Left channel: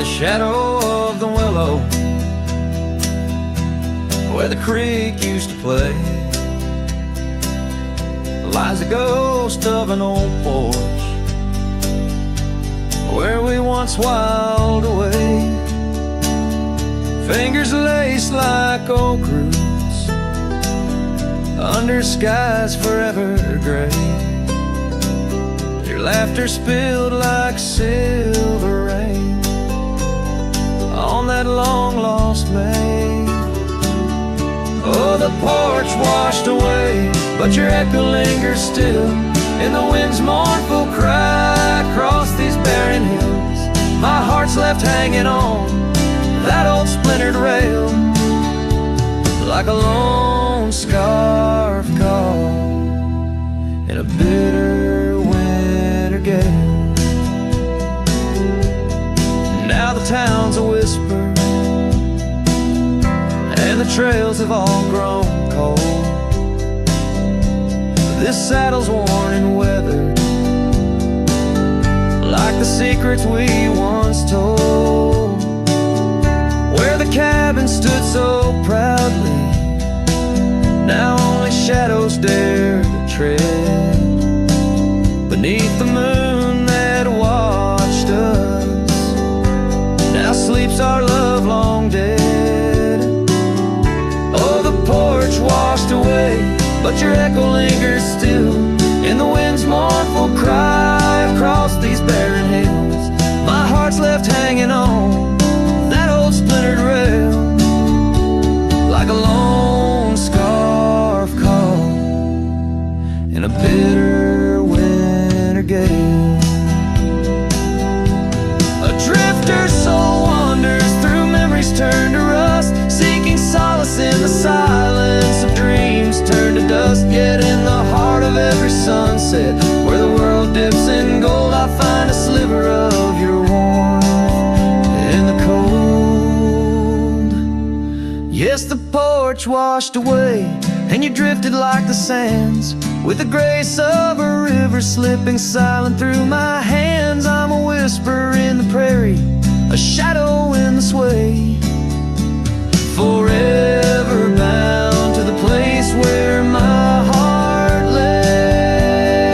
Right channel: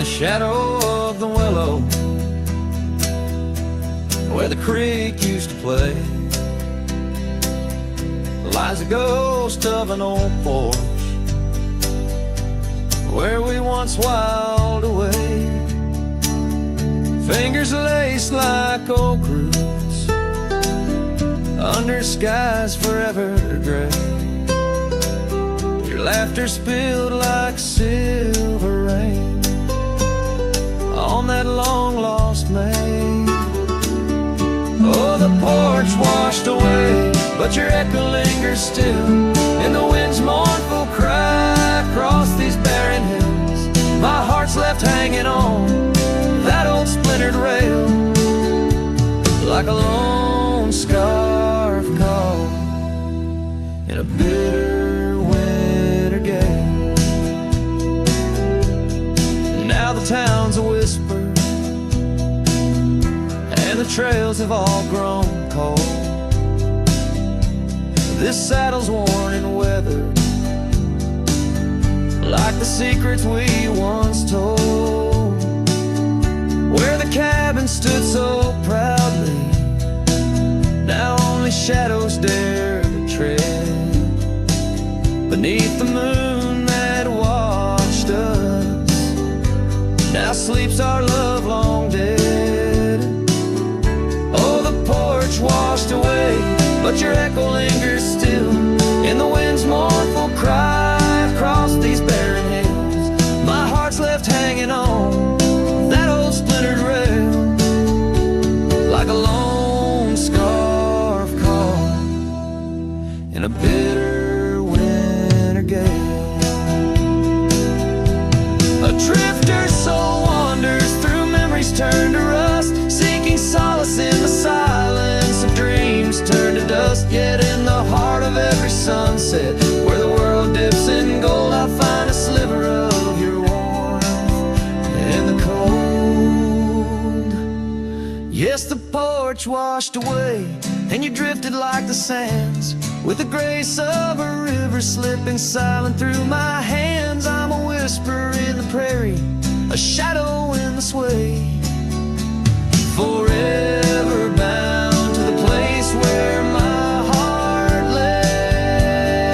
the shadow of the willow, where the creek used to play, lies a ghost of an old porch, where we once whiled away. Fingers laced like oak roots, under skies forever gray. Your laughter spilled like silver rain on that long-lost May. Oh, the porch washed away, but your echo lingers still in the wind's mournful cry across these barren hills. My heart's left hanging on that old splintered rail, like a lone scarf caught in a bitter winter gale. Now the town's a whisper, and the trails have all grown cold. This saddle's worn and weathered, like the secrets we once told. Where the cabin stood so proudly, now only shadows dare to tread beneath the moon that watched us. Now sleeps our love long dead. Oh, the porch washed away, but your echo lingers still in the wind's mournful cry across these barren hills. My heart's left hanging on that old splintered rail, like a lone scarf caught in a bitter winter gale. A drifter's soul wanders through memories turned to rust, seeking solace in the silence of dreams turned to dust. Yet in the heart of every sunset, where the world dips in gold, I find a sliver of your warmth in the cold. Yes, the porch washed away, and you drifted like the sands, with the grace of a river slipping silent through my hands. I'm a whisper in the prairie, a shadow in the sway, forever bound to the place where my heart lay.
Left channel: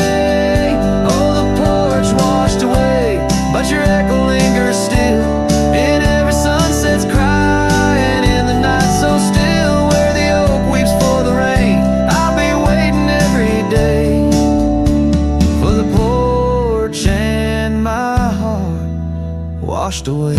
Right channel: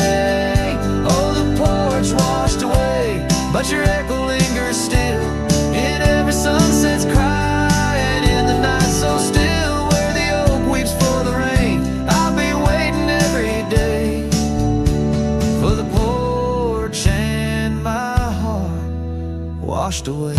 Oh, the porch washed away, but your echo lingers still in every sunset's cry, and in the night so still where the oak weeps for the rain. I'll be waiting every day for the porch and my heart washed away.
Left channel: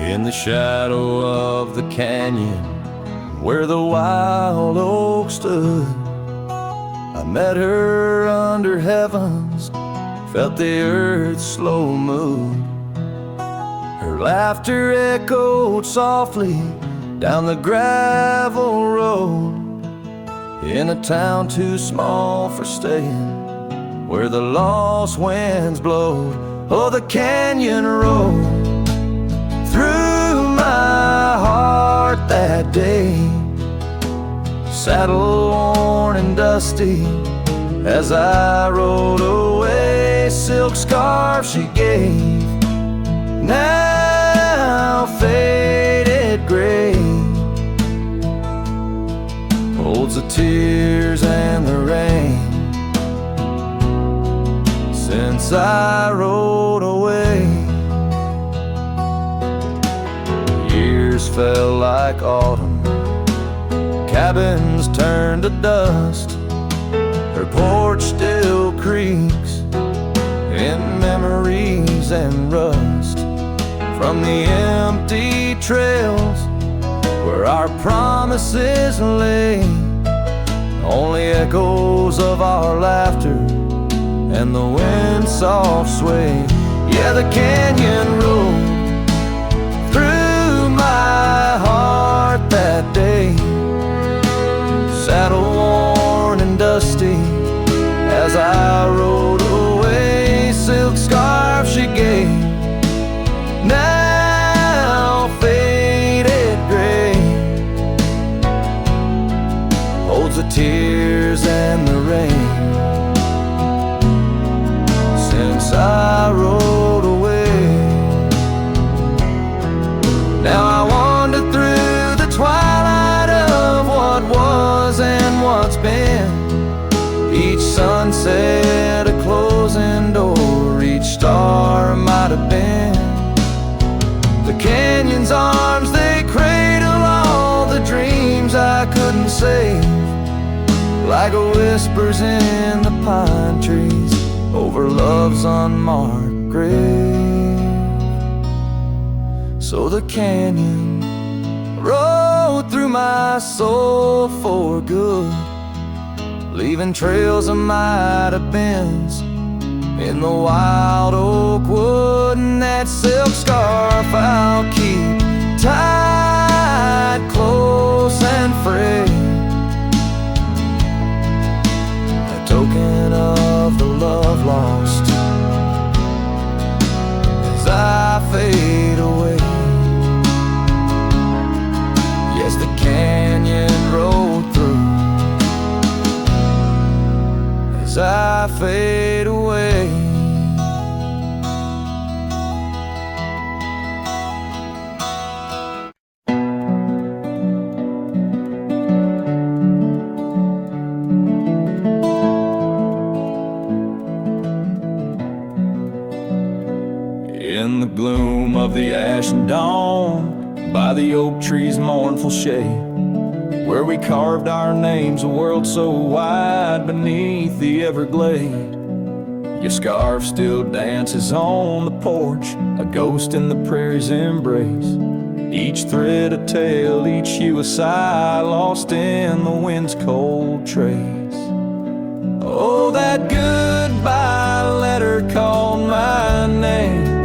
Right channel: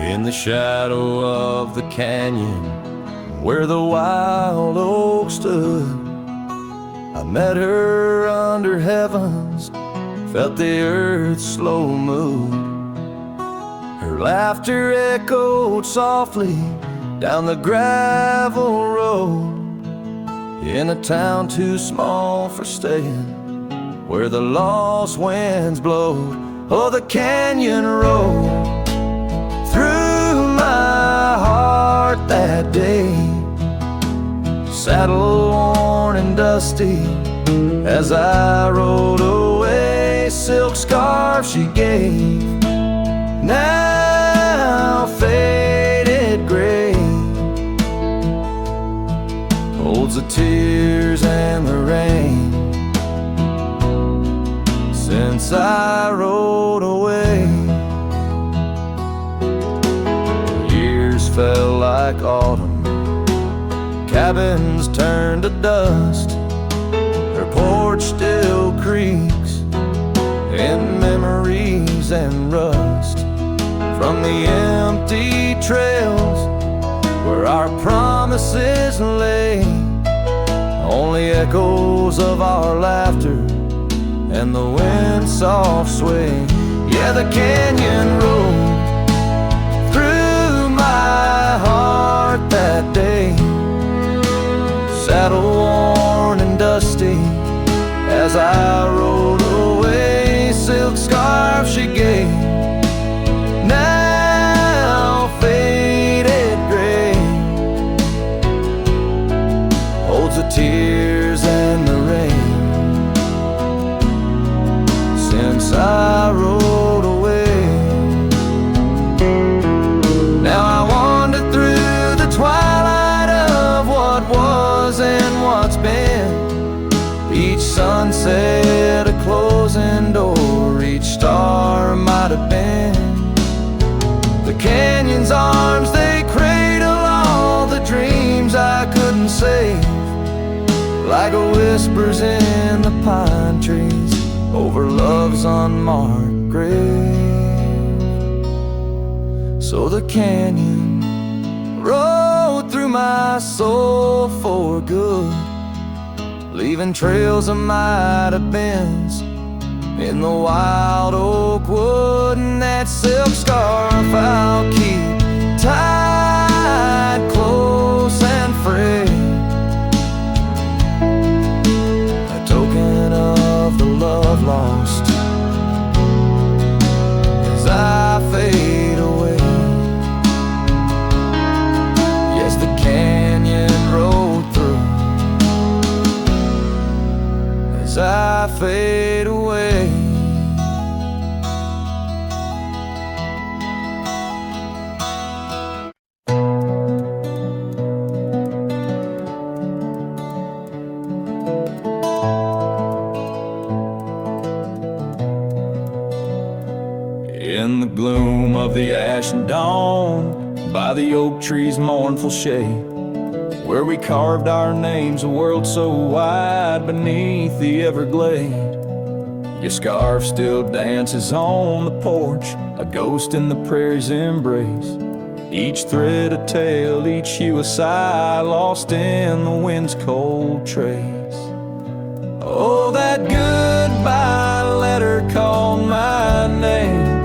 In the shadow of the canyon, where the wild oak stood, I met her under heavens, felt the earth's slow move. Her laughter echoed softly down the gravel road, in a town too small for staying, where the lost winds blowed. Oh, the canyon road through my heart that day, saddle worn and dusty as I rode away. Silk scarf she gave, now faded gray, holds the tears and the rain since I rode away. Years fell like autumn, cabins turned to dust, her porch still creaks in memories and rust, from the empty trails where our promises lay, only echoes of our laughter and the wind's soft sway. Yeah, the canyon road through my heart that day, saddle worn and dusty as I rode away. Silk scarf she gave, now faded gray, holds the tears and the rain since I rode away. Now I wander through the twilight of what was and what's been. Each sunset a closing door, each star might have been. The canyon's arms, they cradle all the dreams I couldn't save, like whispers in the pine trees over love's unmarked grave. So the canyon rode through my soul for good, leaving trails of might have beens in the wild oak wood. And that silk scarf I'll keep tied close and frayed, a token of the love lost as I fade away. Yes, the canyon rode through as I fade away. In the gloom of the ashen dawn, by the oak tree's mournful shade, where we carved our names, a world so wide beneath the Everglade. Your scarf still dances on the porch, a ghost in the prairie's embrace. Each thread a tale, each hue a sigh, lost in the wind's cold trace. Oh, that goodbye letter called my name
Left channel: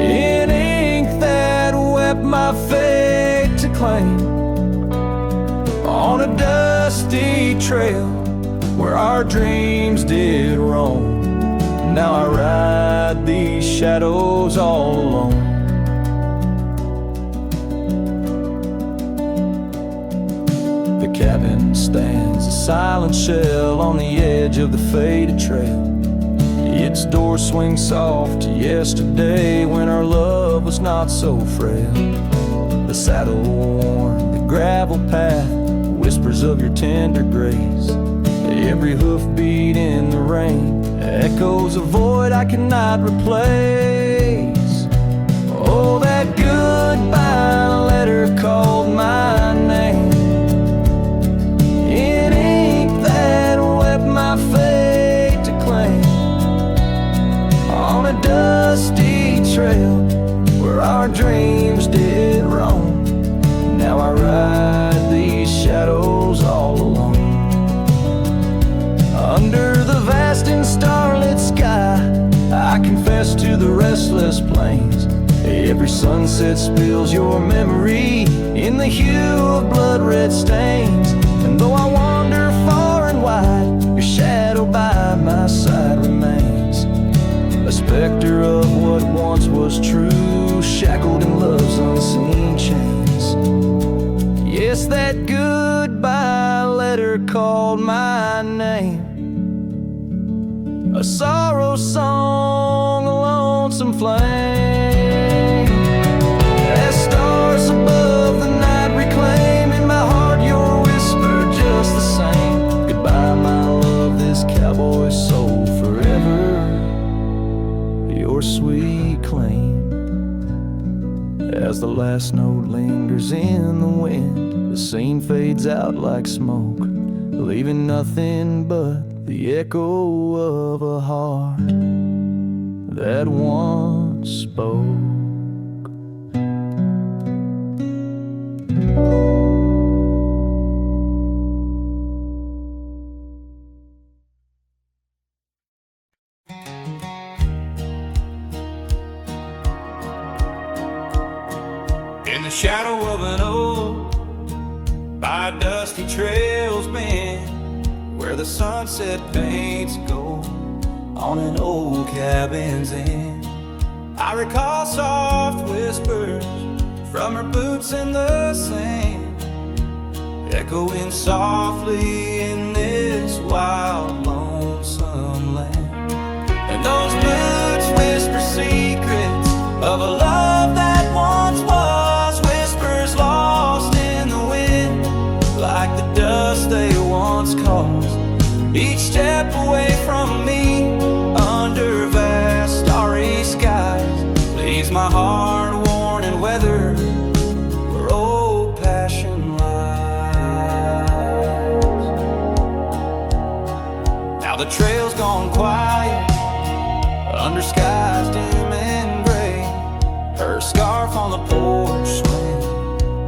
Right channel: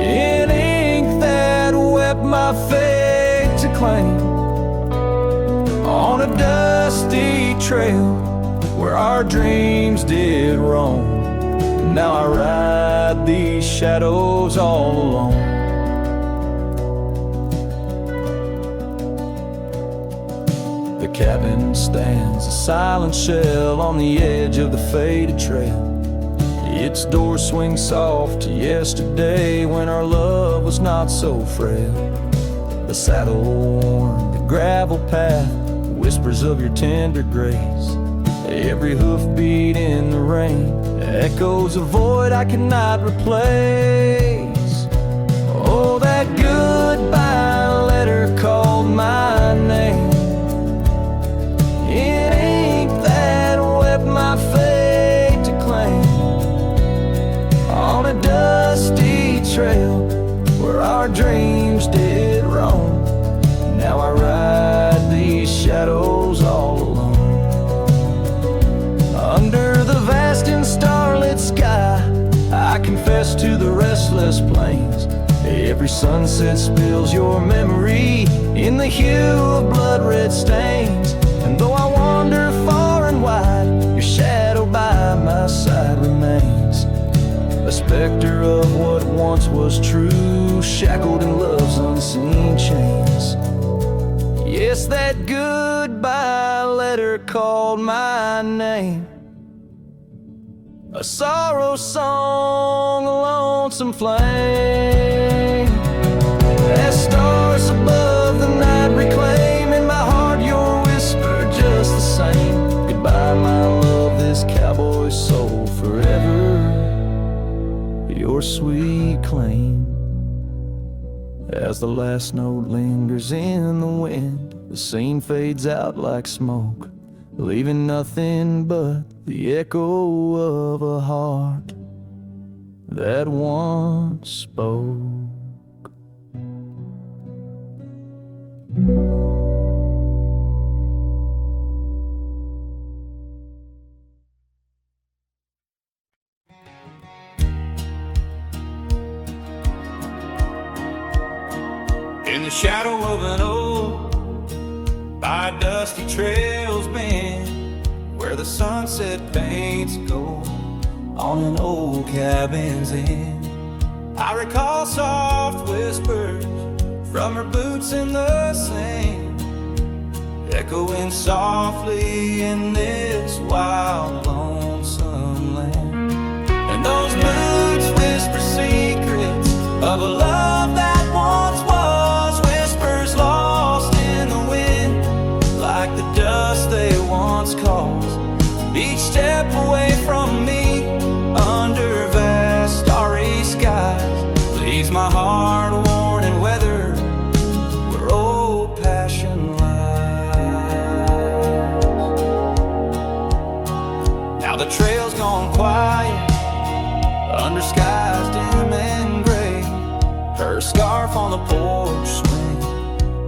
in ink that wept my fate to claim, on a dusty trail where our dreams did roam. Now I ride these shadows all alone. The cabin stands a silent shell on the edge of the faded trail. Its door swings soft to yesterday when our love was not so frail. The saddle worn, the gravel path, whispers of your tender grace. Every hoofbeat in the rain echoes a void I cannot replace. Oh, that goodbye letter called my name in ink that wept my fate to claim, on a dusty trail where our dreams did roam. Now I ride these shadows all alone. Under the vast and starlit sky, I confess to the restless plains. Every sunset spills your memory in the hue of blood-red stains. And though I wander far and wide, your shadow by my side remains, a specter of what once was true, shackled in love's unseen chains. Yes, that goodbye letter called my name, a sorrow song, a lonesome flame. As stars above the night reclaim in my heart your whisper just the same. Goodbye, my love, this cowboy soul forever your sweet claim. As the last note lingers in the wind, the scene fades out like smoke, leaving nothing but the echo of a heart that once spoke. In the shadow of an oak, by dusty trails bend, where the sunset paints gold on an old cabin's end. I recall soft whispers from her boots in the sand, echoing softly in this wild, lonesome land. And those boots whisper secrets of a love that once was, whispers lost in the wind, like the dust they once caused. Each step away from me, under vast starry skies, leaves my heart worn and weathered where old passion lies. Now the trail's gone quiet, under skies dim and gray. Her scarf on the porch swing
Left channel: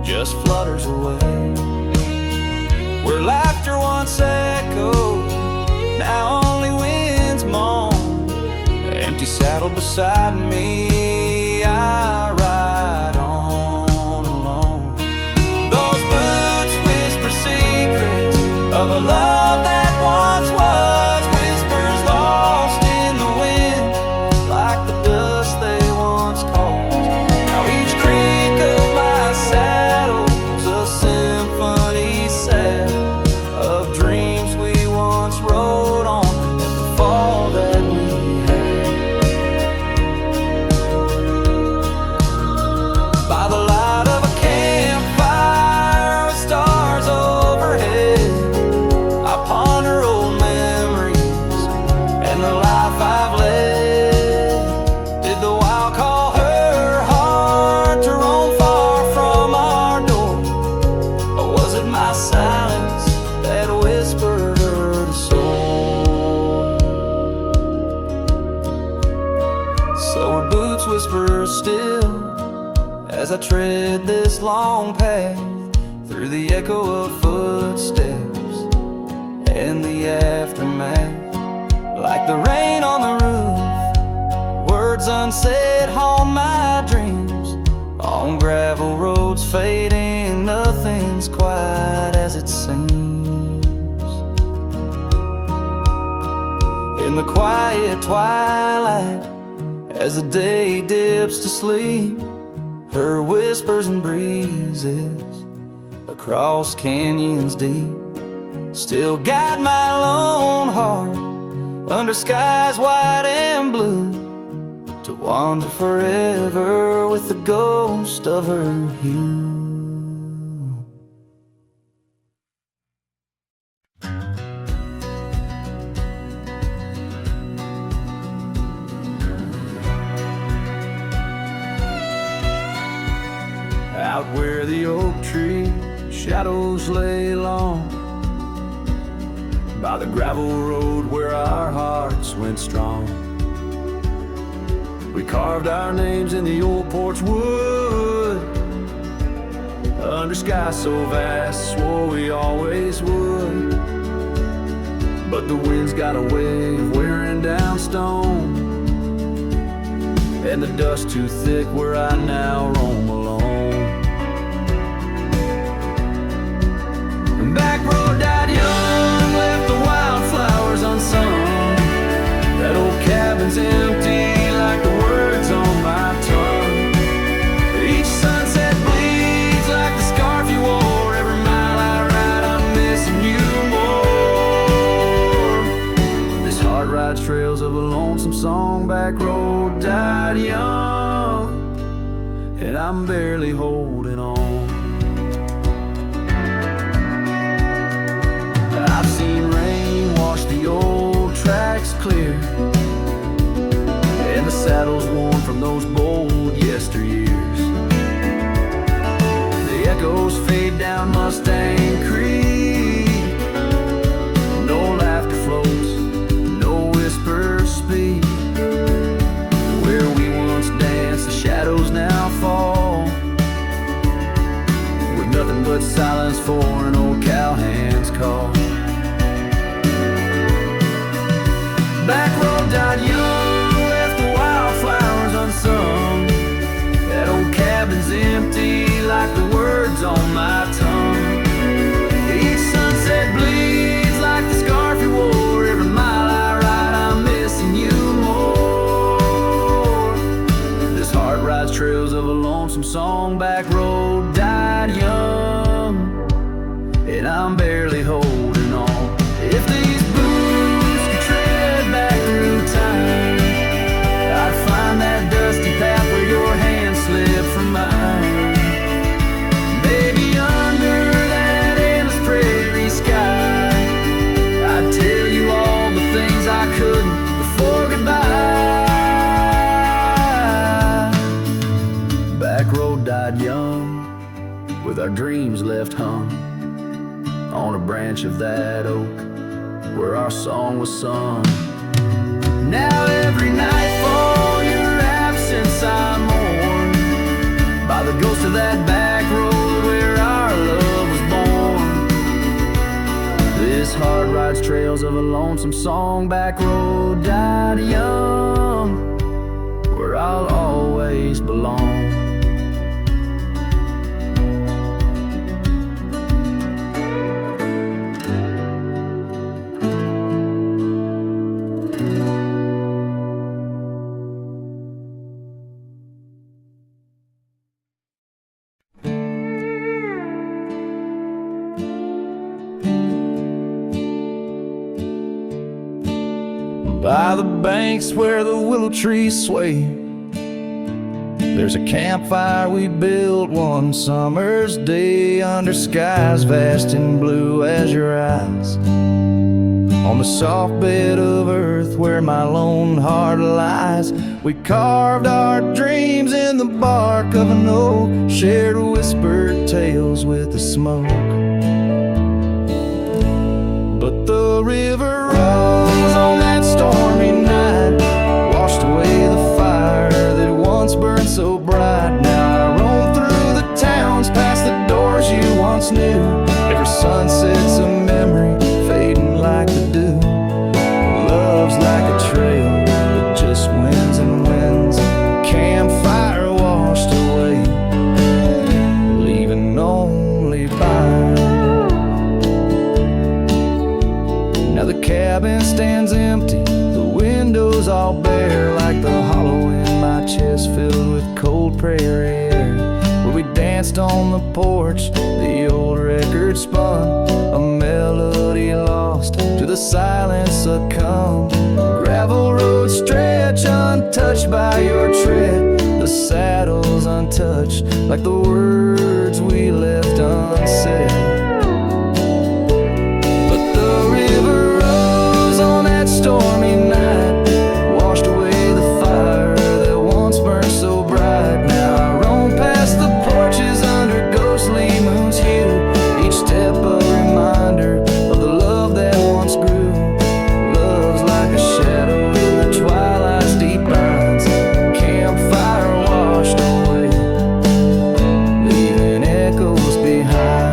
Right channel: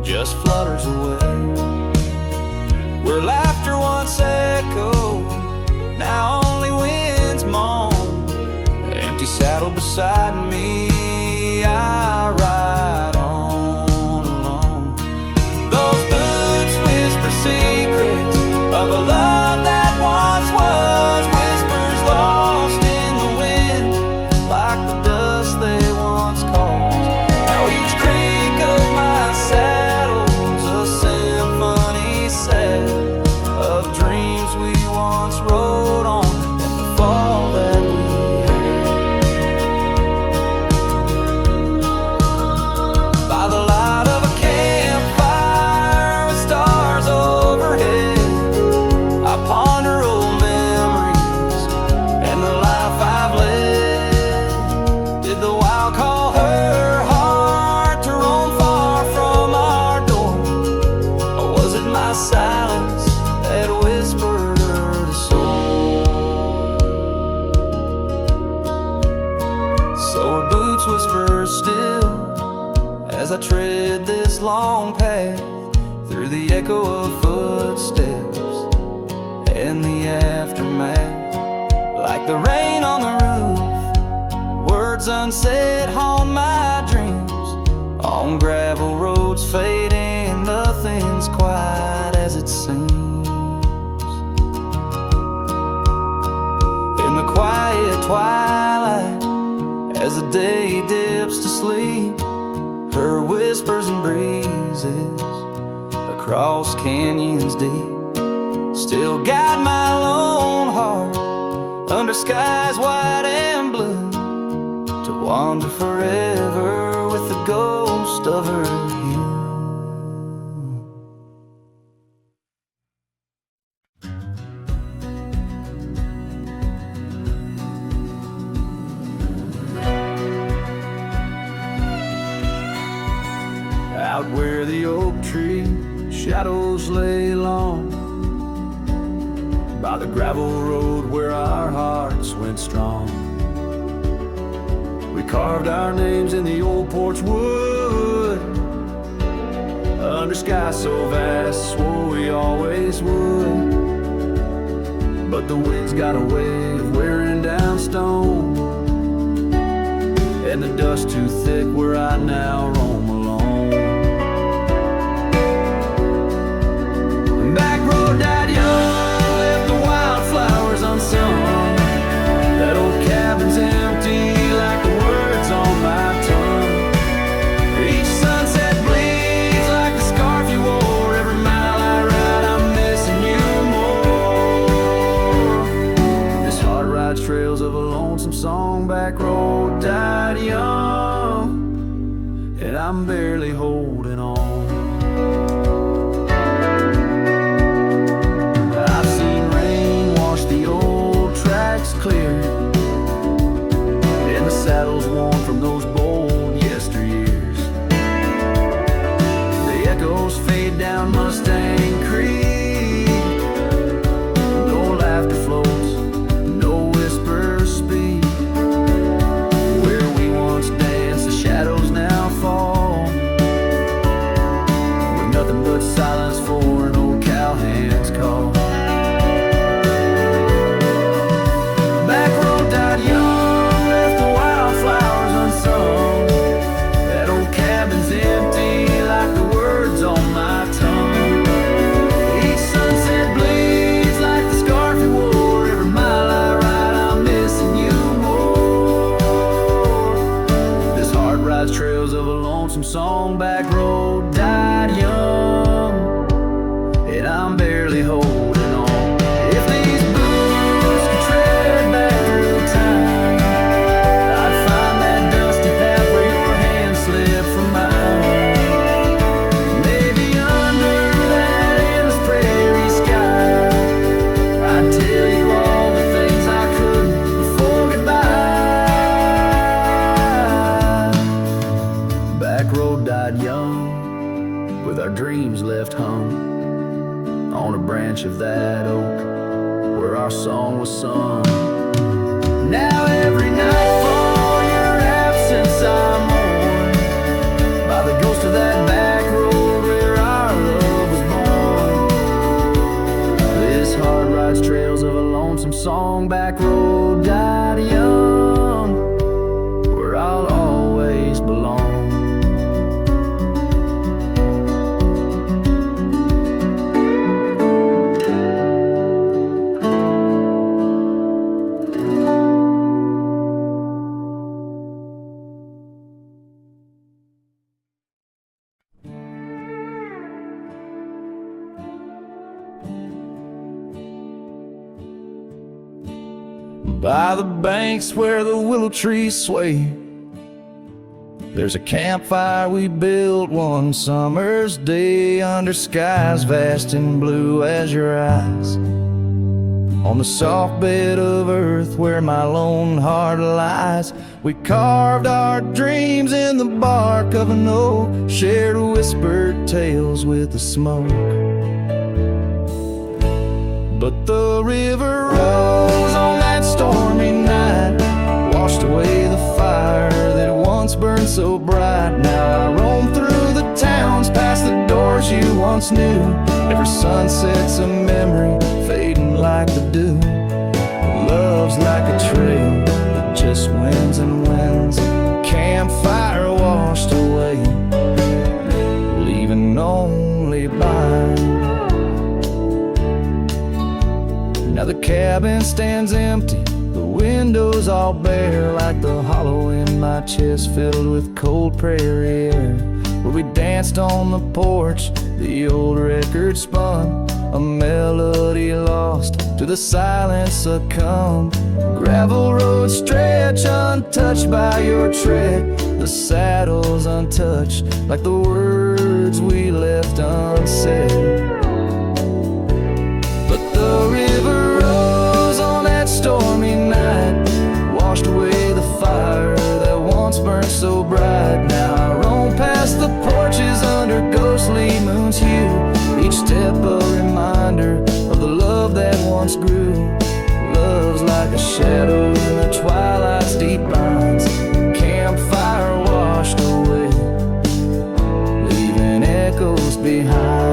just flutters away. Where laughter once echoed, now only winds moan. Empty saddle beside me, I ride on alone. Those boots whisper secrets of a love that once was, whispers lost in the wind, like the dust they once caused. Now each creak of my saddle's a symphony set of dreams we once rode on, and the fall that we had. By the light of a campfire with stars overhead, I ponder old memories and the life I've led. Did the wild call her heart to roam far from our door, or was it my silence that whispered her to soar? So her boots whisper still as I tread this long path through the echo of footsteps and the aftermath. Like the rain on the roof, words unsaid haunt my dreams. On gravel roads fading, nothing's quite as it seems. In the quiet twilight, as the day dips to sleep, her whispers and breezes across canyons deep still guide my lone heart under skies white and blue, to wander forever with the ghost of her hue. Out where the oak tree shadows lay long, by the gravel road where our hearts went strong, we carved our names in the old porch wood, under sky so vast, swore we always would. But the wind's got a way of wearing down stone, and the dust too thick where I now roam alone. And back road died young, left the wildflowers unsung. That old cabin's empty like the words on my tongue. Each sunset bleeds like the scarf you wore. Every mile I ride, I'm missing you more. This heart rides trails of a lonesome song. Back road died young, and I'm barely holding on. I've seen rain wash the old tracks clear, and the saddles worn from those bold yesteryears. The echoes fade down Mustang Creek. No laughter floats, no whispers speak. Where we once danced, the shadows now fall, with nothing but silence for an old cowhand's call. Back road died young, left the wildflowers unsung. That old cabin's empty like the words on my tongue. Each sunset bleeds like the scar rides trails of a lonesome song. Back road died young, and I'm barely holding on. If these boots could tread back through time, I'd find that dusty path where your hand slipped from mine. Maybe under that endless prairie sky, I'd tell you all the things I couldn't before goodbye. Back road died young, with our dreams left hung on a branch of that oak where our song was sung. Now every nightfall your absence I mourn, by the ghost of that back road where our love was born. This heart rides trails of a lonesome song. Back road died young, where I'll always belong. By the banks where the willow trees sway, there's a campfire we built one summer's day, under skies vast and blue as your eyes. On the soft bed of earth where my lone heart lies, we carved our dreams in the bark of an oak, shared whispered tales with the smoke. But the river rose on that stormy night, washed away the fire that once burned so bright. Now I roam through the towns, past the doors you once knew. Every sunset's a memory, fading like the dew. Love's like a trail that just wins and wins. Campfire washed away, leaving only Bryan. Now the cabin stands empty, the windows all bare, like the hollow in my chest filled with cold prairie air. Where we danced on the porch, the old record spun, a melody lost to the silence succumbed. Gravel roads stretch untouched by your tread, the saddles untouched like the words we left unsaid. The river rose on that stormy night, washed away the fire that once burned so bright. Now I roam past the porches under ghostly moon's hue, each step a reminder of the love that once grew. Love's like a shadow in the twilight's deep lines, campfire washed away, leaving echoes behind.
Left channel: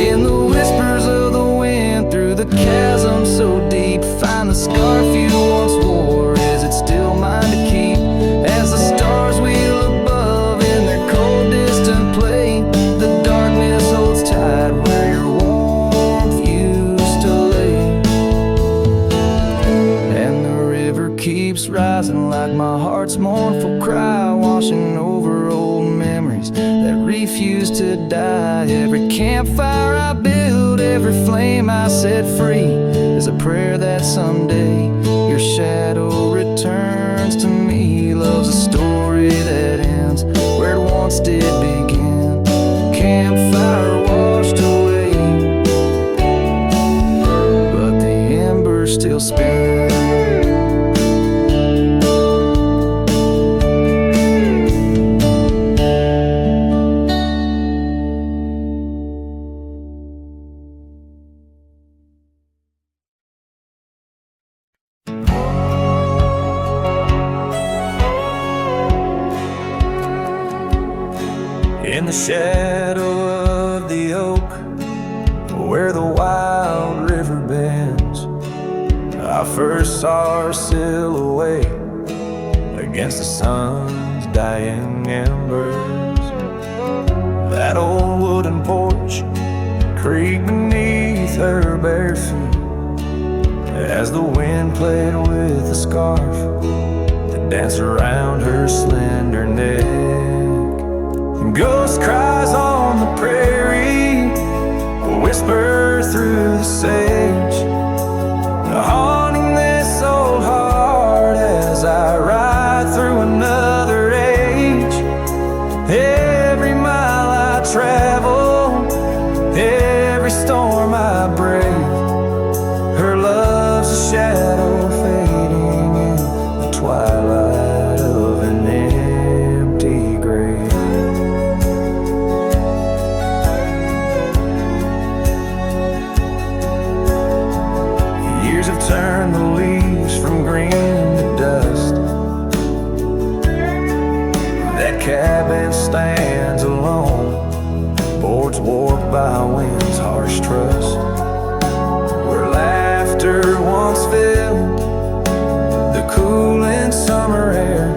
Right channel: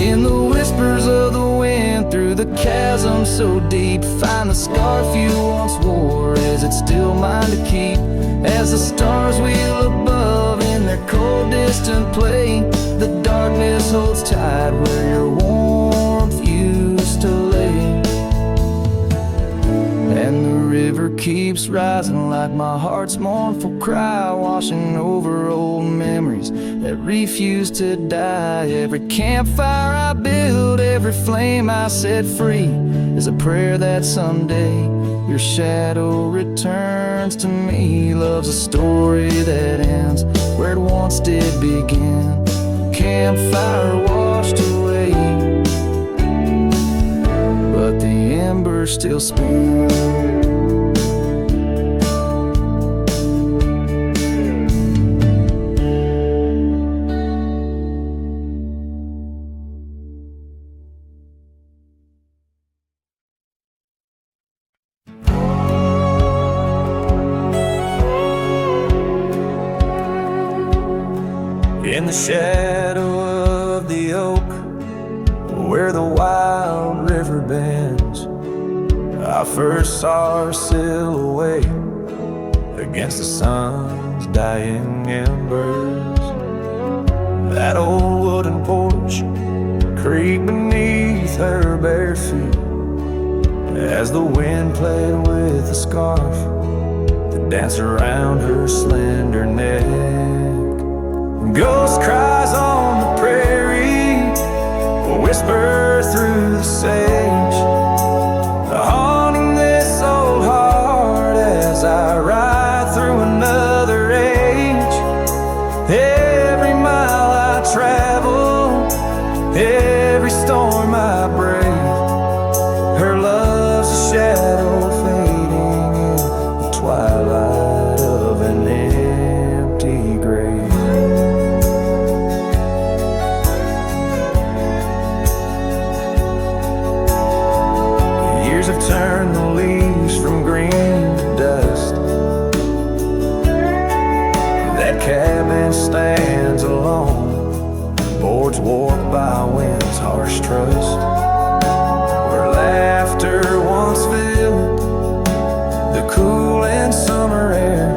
In the whispers of the wind, through the chasm so deep, find the scarf you once wore. Is it still mine to keep? As the stars wheel above in their cold distant play, the darkness holds tight where your warmth used to lay. And the river keeps rising like my heart's mournful cry, washing over old memories that refuse to die. Every campfire I build, every flame I set free, is a prayer that someday your shadow returns to me. Love's a story that ends where it once did begin. Campfire washed away, but the embers still spin. In the shadow of the oak, where the wild river bends, I first saw her silhouette against the sun's dying embers. That old wooden porch creaked beneath her bare feet as the wind played with the scarf that dance around her slender neck. Ghost cries on the prairie, whisper through the sage, haunting this old heart as I ride through another age. Every mile I travel, every storm I brave, her love's a shadow fading in the twilight of an empty grave. Years have turned the leaves from green to dust. That cabin stands alone, boards warped by wind's harsh trust. Where laughter once filled the cooling summer air,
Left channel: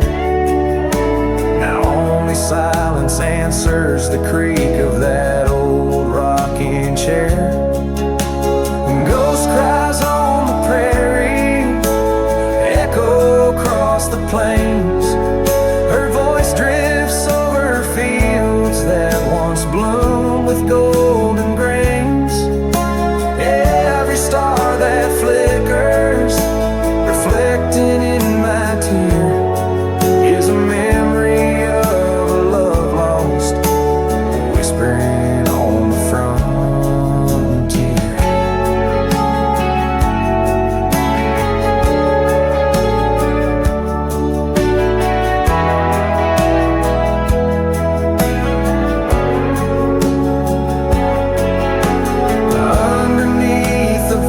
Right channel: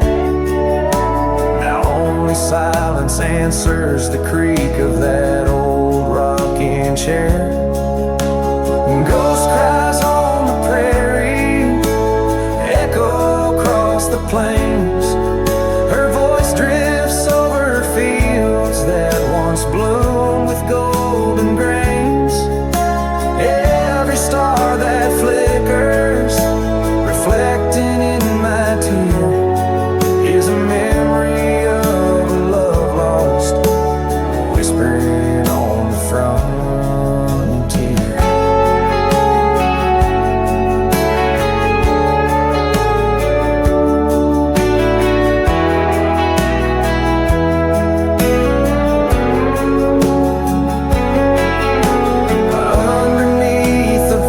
now only silence answers the creak of that old rocking chair. Ghost cries on the prairie, echo across the plains, her voice drifts over fields that once bloomed with golden grains. Every star that flickers, reflecting in my tear, is a memory of a love lost, whispering on the frontier.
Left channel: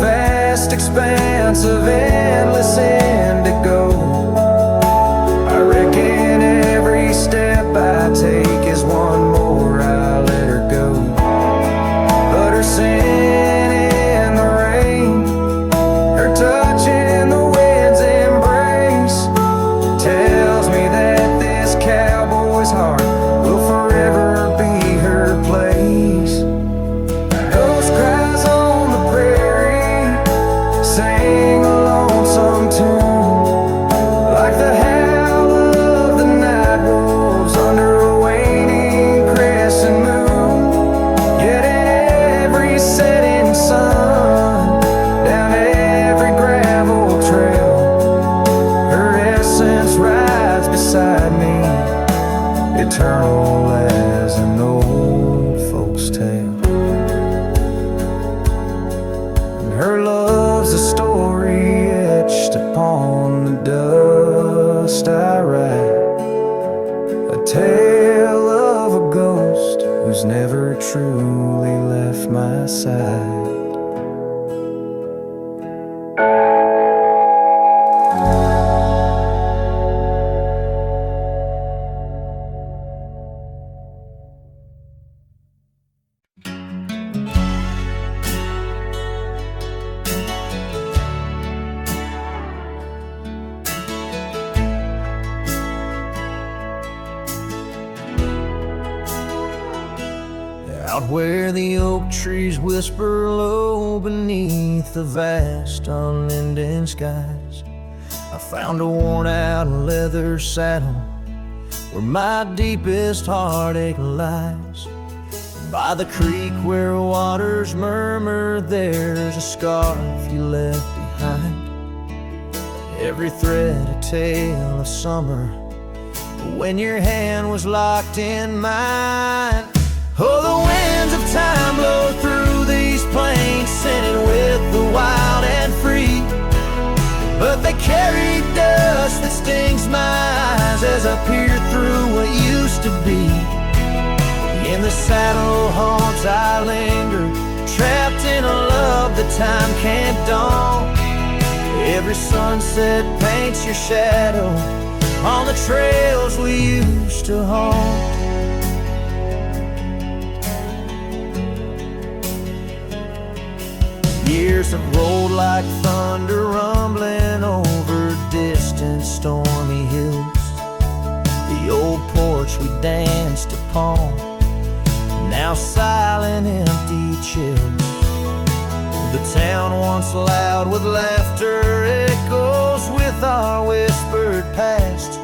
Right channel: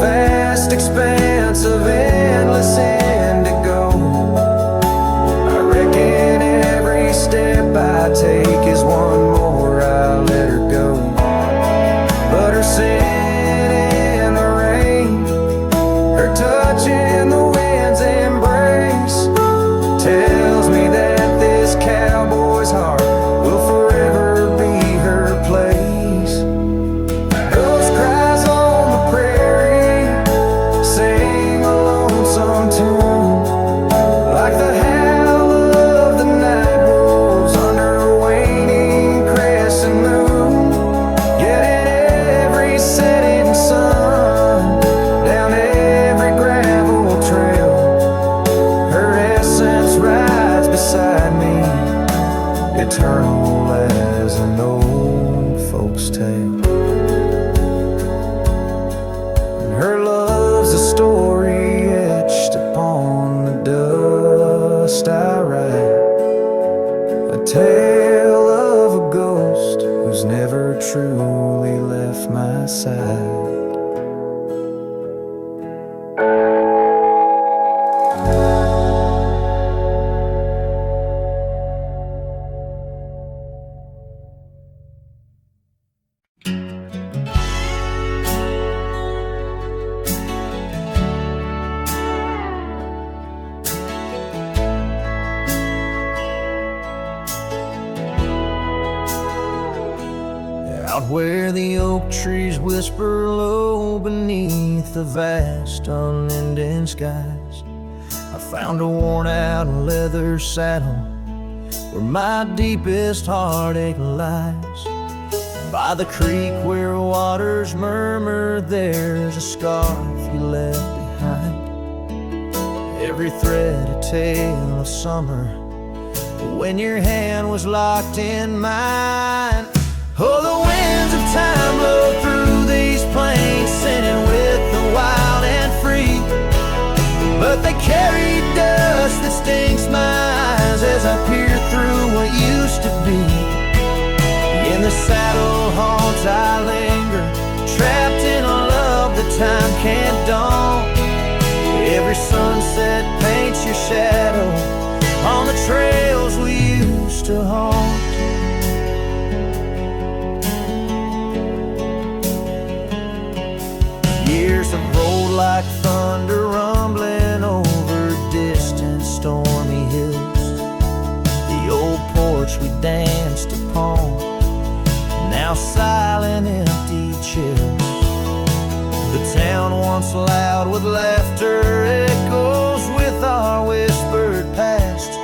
Vast expanse of endless indigo, I reckon every step I take is one more I let her go. But her scent in the rain, her touch in the wind's embrace, tells me that this cowboy's heart will forever be her place. Ghost cries on the prairie, sing a lonesome tune, like the howl of the night wolves under a waning crescent moon. Yet in every setting sun, down every gravel trail, her essence rides beside me, eternal as an old folk's tale. Her love's a story etched upon the dust I write, a tale of a ghost who's never truly left my side. Out where the oak trees whisper low beneath the vast unending skies, I found a worn-out leather saddle where my deepest heartache lies. By the creek where waters murmur, there's a scarf you left behind. Every thread a tale of summer when your hand was locked in mine. Oh, the winds of time blow through these plains, sinning with the wild and free, but they carry dust that stings my eyes as I peer through what used to be. In the saddle haunts I linger, trapped in a love that time can't daunt. Every sunset paints your shadow on the trails we used to haunt. Years have rolled like thunder, rumbling over distant stormy hills. The old porch we danced upon, now silent, empty chills. The town once loud with laughter echoes with our whispered past.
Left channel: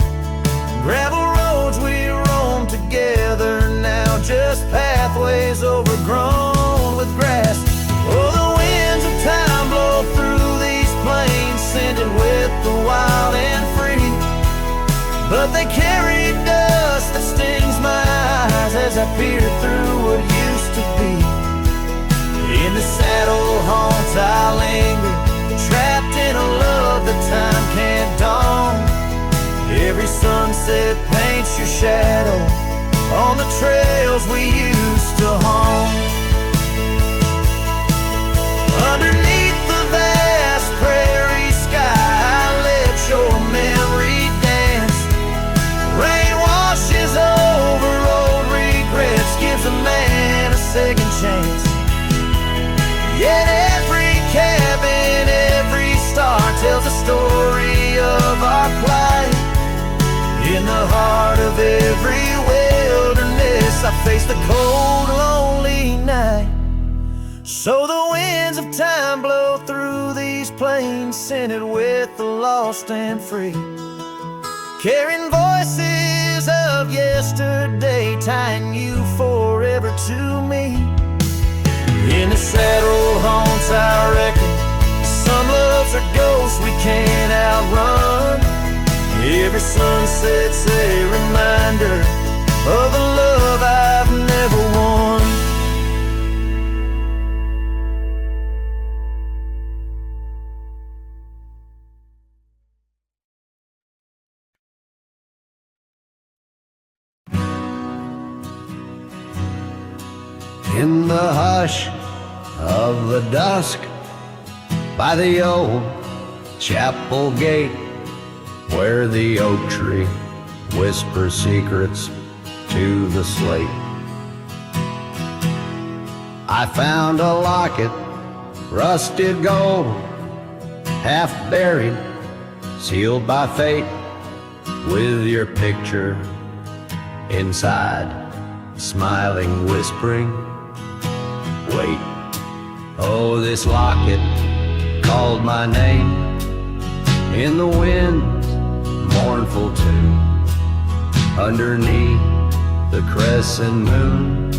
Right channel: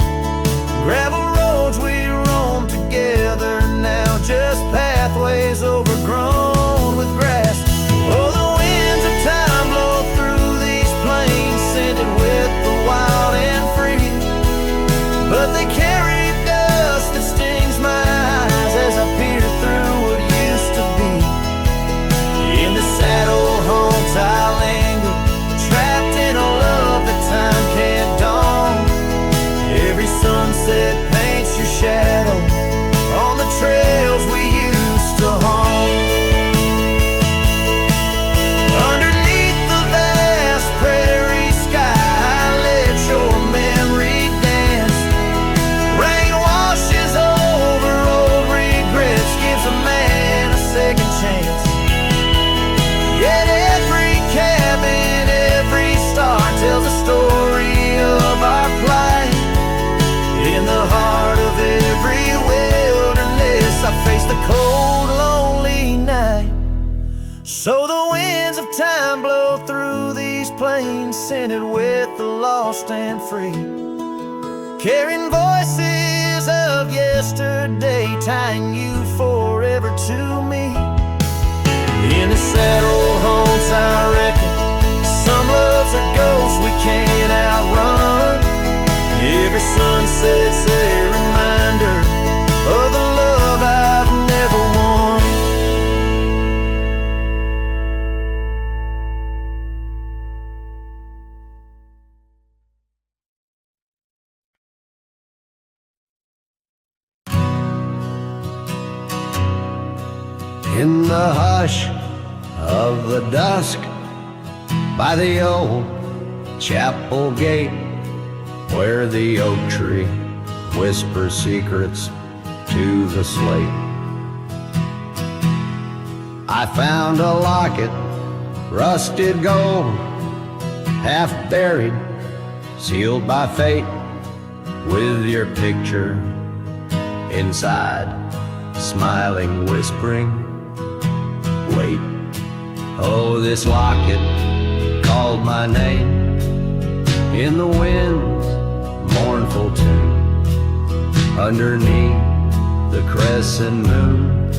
Gravel roads we roam together now, just pathways overgrown with grass. Oh, the winds of time blow through these plains, scented with the wild and free. But they carry dust that stings my eyes as I peer through what used to be. In the saddle haunts I linger, trapped in a love that time can't dawn. Every sunset paints your shadow on the trails we used to haunt. Underneath the vast prairie sky, I let your memory dance. Rain washes over old regrets, gives a man a second chance. Yet every cabin, every star tells a story of our plight. In the heart of every wilderness, I face the cold, lonely night. So the winds of time blow through these plains, scented with the lost and free, carrying voices of yesterday, tying you forever to me. In the saddle haunts I reckon, some loves are ghosts we can't outrun. Every sunset's a reminder of the love I've never won. In the hush of the dusk, by the old chapel gate, where the oak tree whispers secrets to the slate, I found a locket, rusted gold, half buried, sealed by fate, with your picture inside, smiling, whispering, wait. Oh, this locket called my name in the wind's mournful tune, underneath the crescent moon,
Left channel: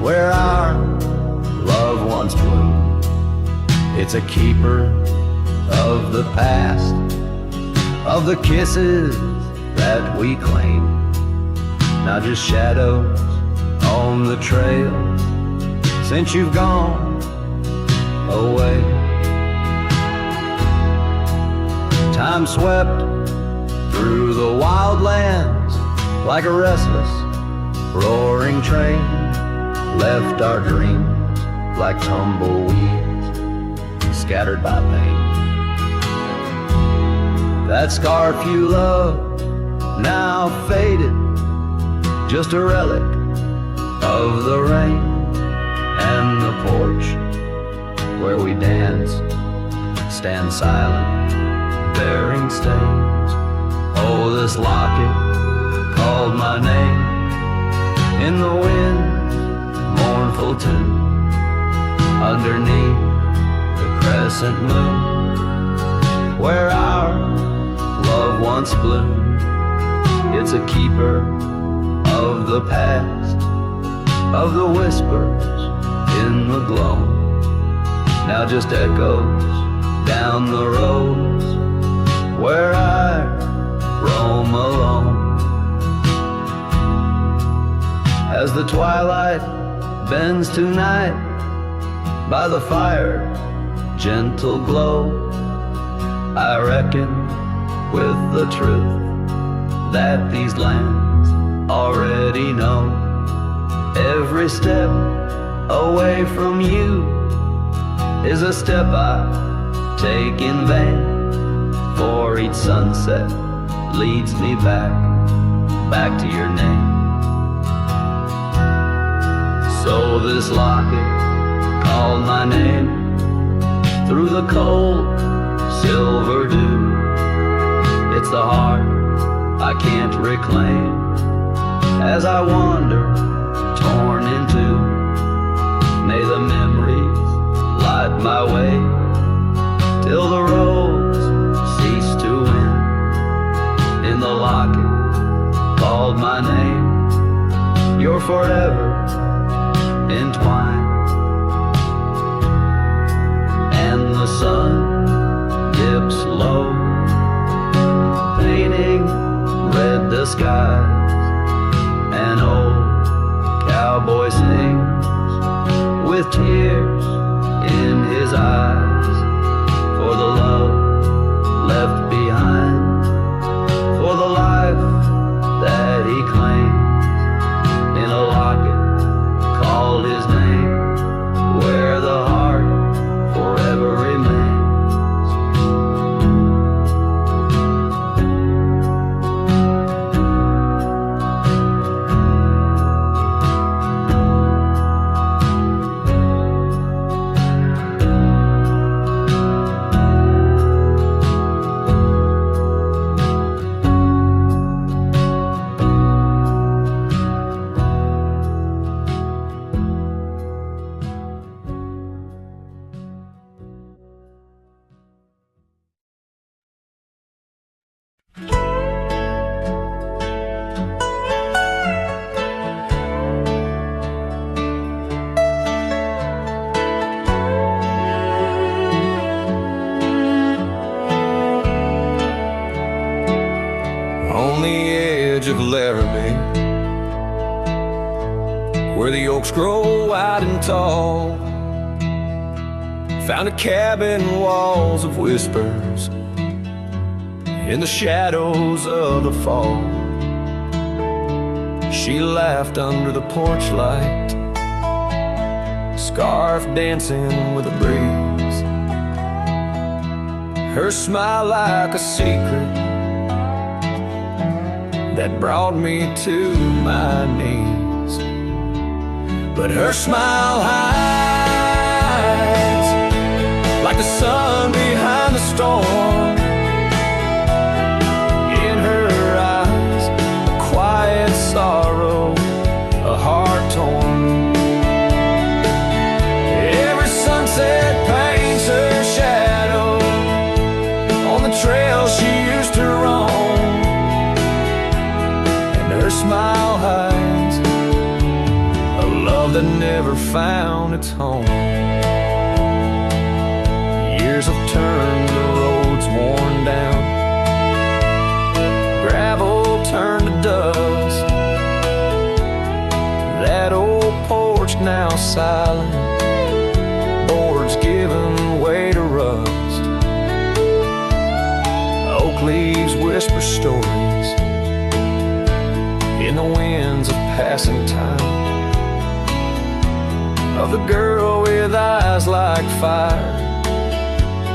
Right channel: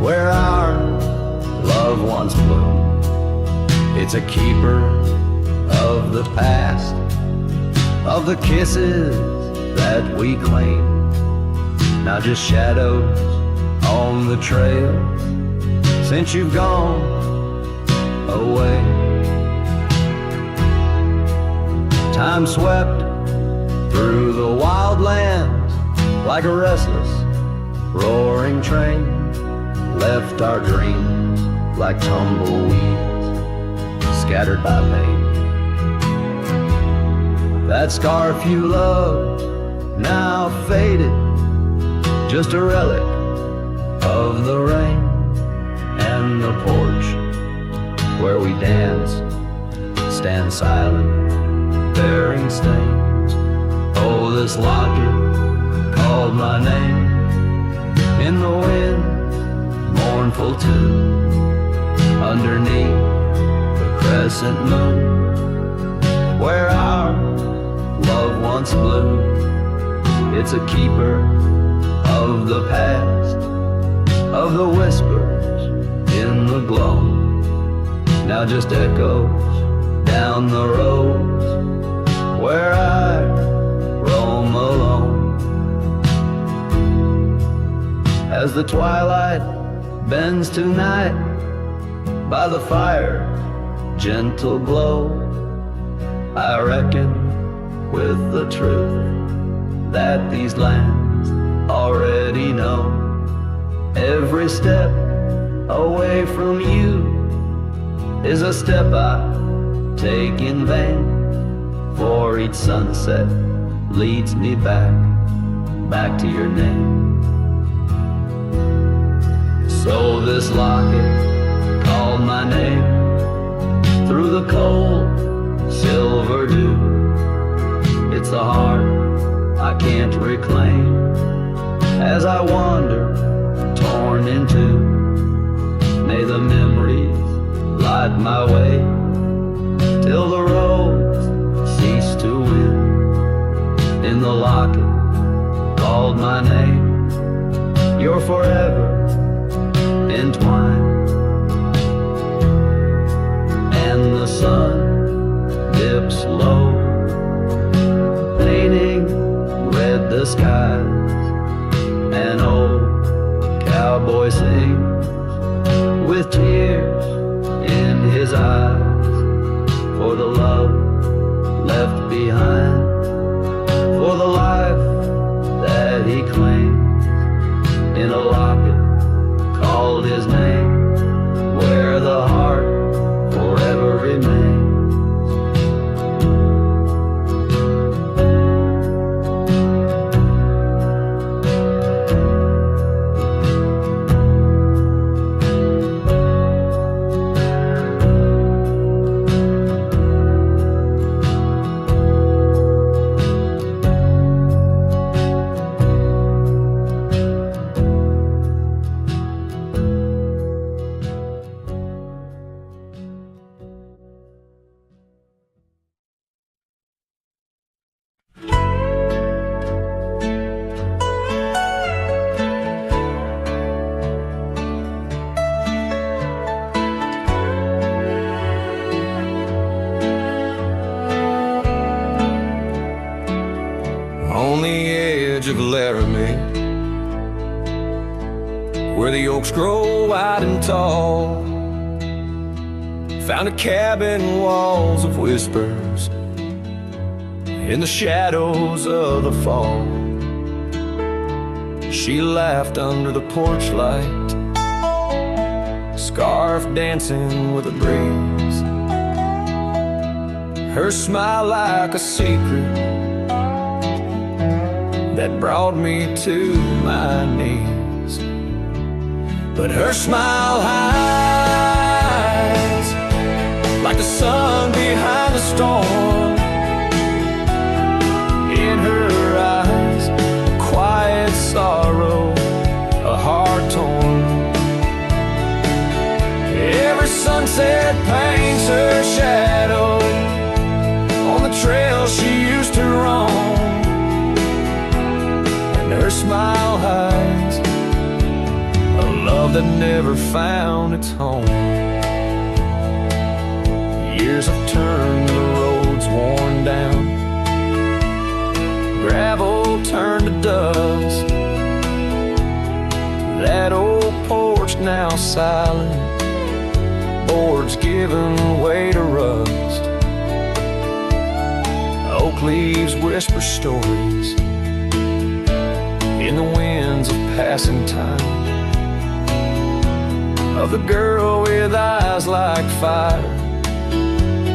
where our love once bloomed. It's a keeper of the past, of the kisses that we claim, now just shadows on the trail since you've gone away. Time swept through the wild lands like a restless, roaring train, left our dreams like tumbleweeds, scattered by pain. That scarf you loved, now faded, just a relic of the rain, and the porch where we danced, stand silent, bearing stains. Oh, this locket called my name in the wind's mournful tune, underneath the crescent moon, where our love once bloomed. It's a keeper of the past, of the whispers in the glow, now just echoes down the roads where I roam alone. As the twilight bends to night, by the fire's gentle glow, I reckon with the truth that these lands already know. Every step away from you is a step I take in vain, for each sunset leads me back to your name. So this locket called my name through the cold silver dew. It's the heart I can't reclaim as I wander, torn in two. May the memories light my way till the roads cease to win. In the locket called my name. You're forever entwined. And the sun dips low, painting red the skies. An old cowboy sings with tears in his eyes, for the love left behind, for the life that he claims. In a locket called his name, where the heart forever remains. On the edge of Laramie, where the oaks grow wide and tall, found a cabin, walls of whispers in the shadows of the fall. She laughed under the porch light, scarf dancing with a breeze, her smile like a secret that brought me to my knees. But her smile hides like the sun behind the storm. In her eyes, a quiet sorrow, a heart torn. Every sunset paints her shadow on the trail she used to roam. Her smile hides a love that never found its home. Years have turned the roads worn down, gravel turned to dust. That old porch now silent, boards giving way to rust. Oak leaves whisper stories in the winds of passing time, of the girl with eyes like fire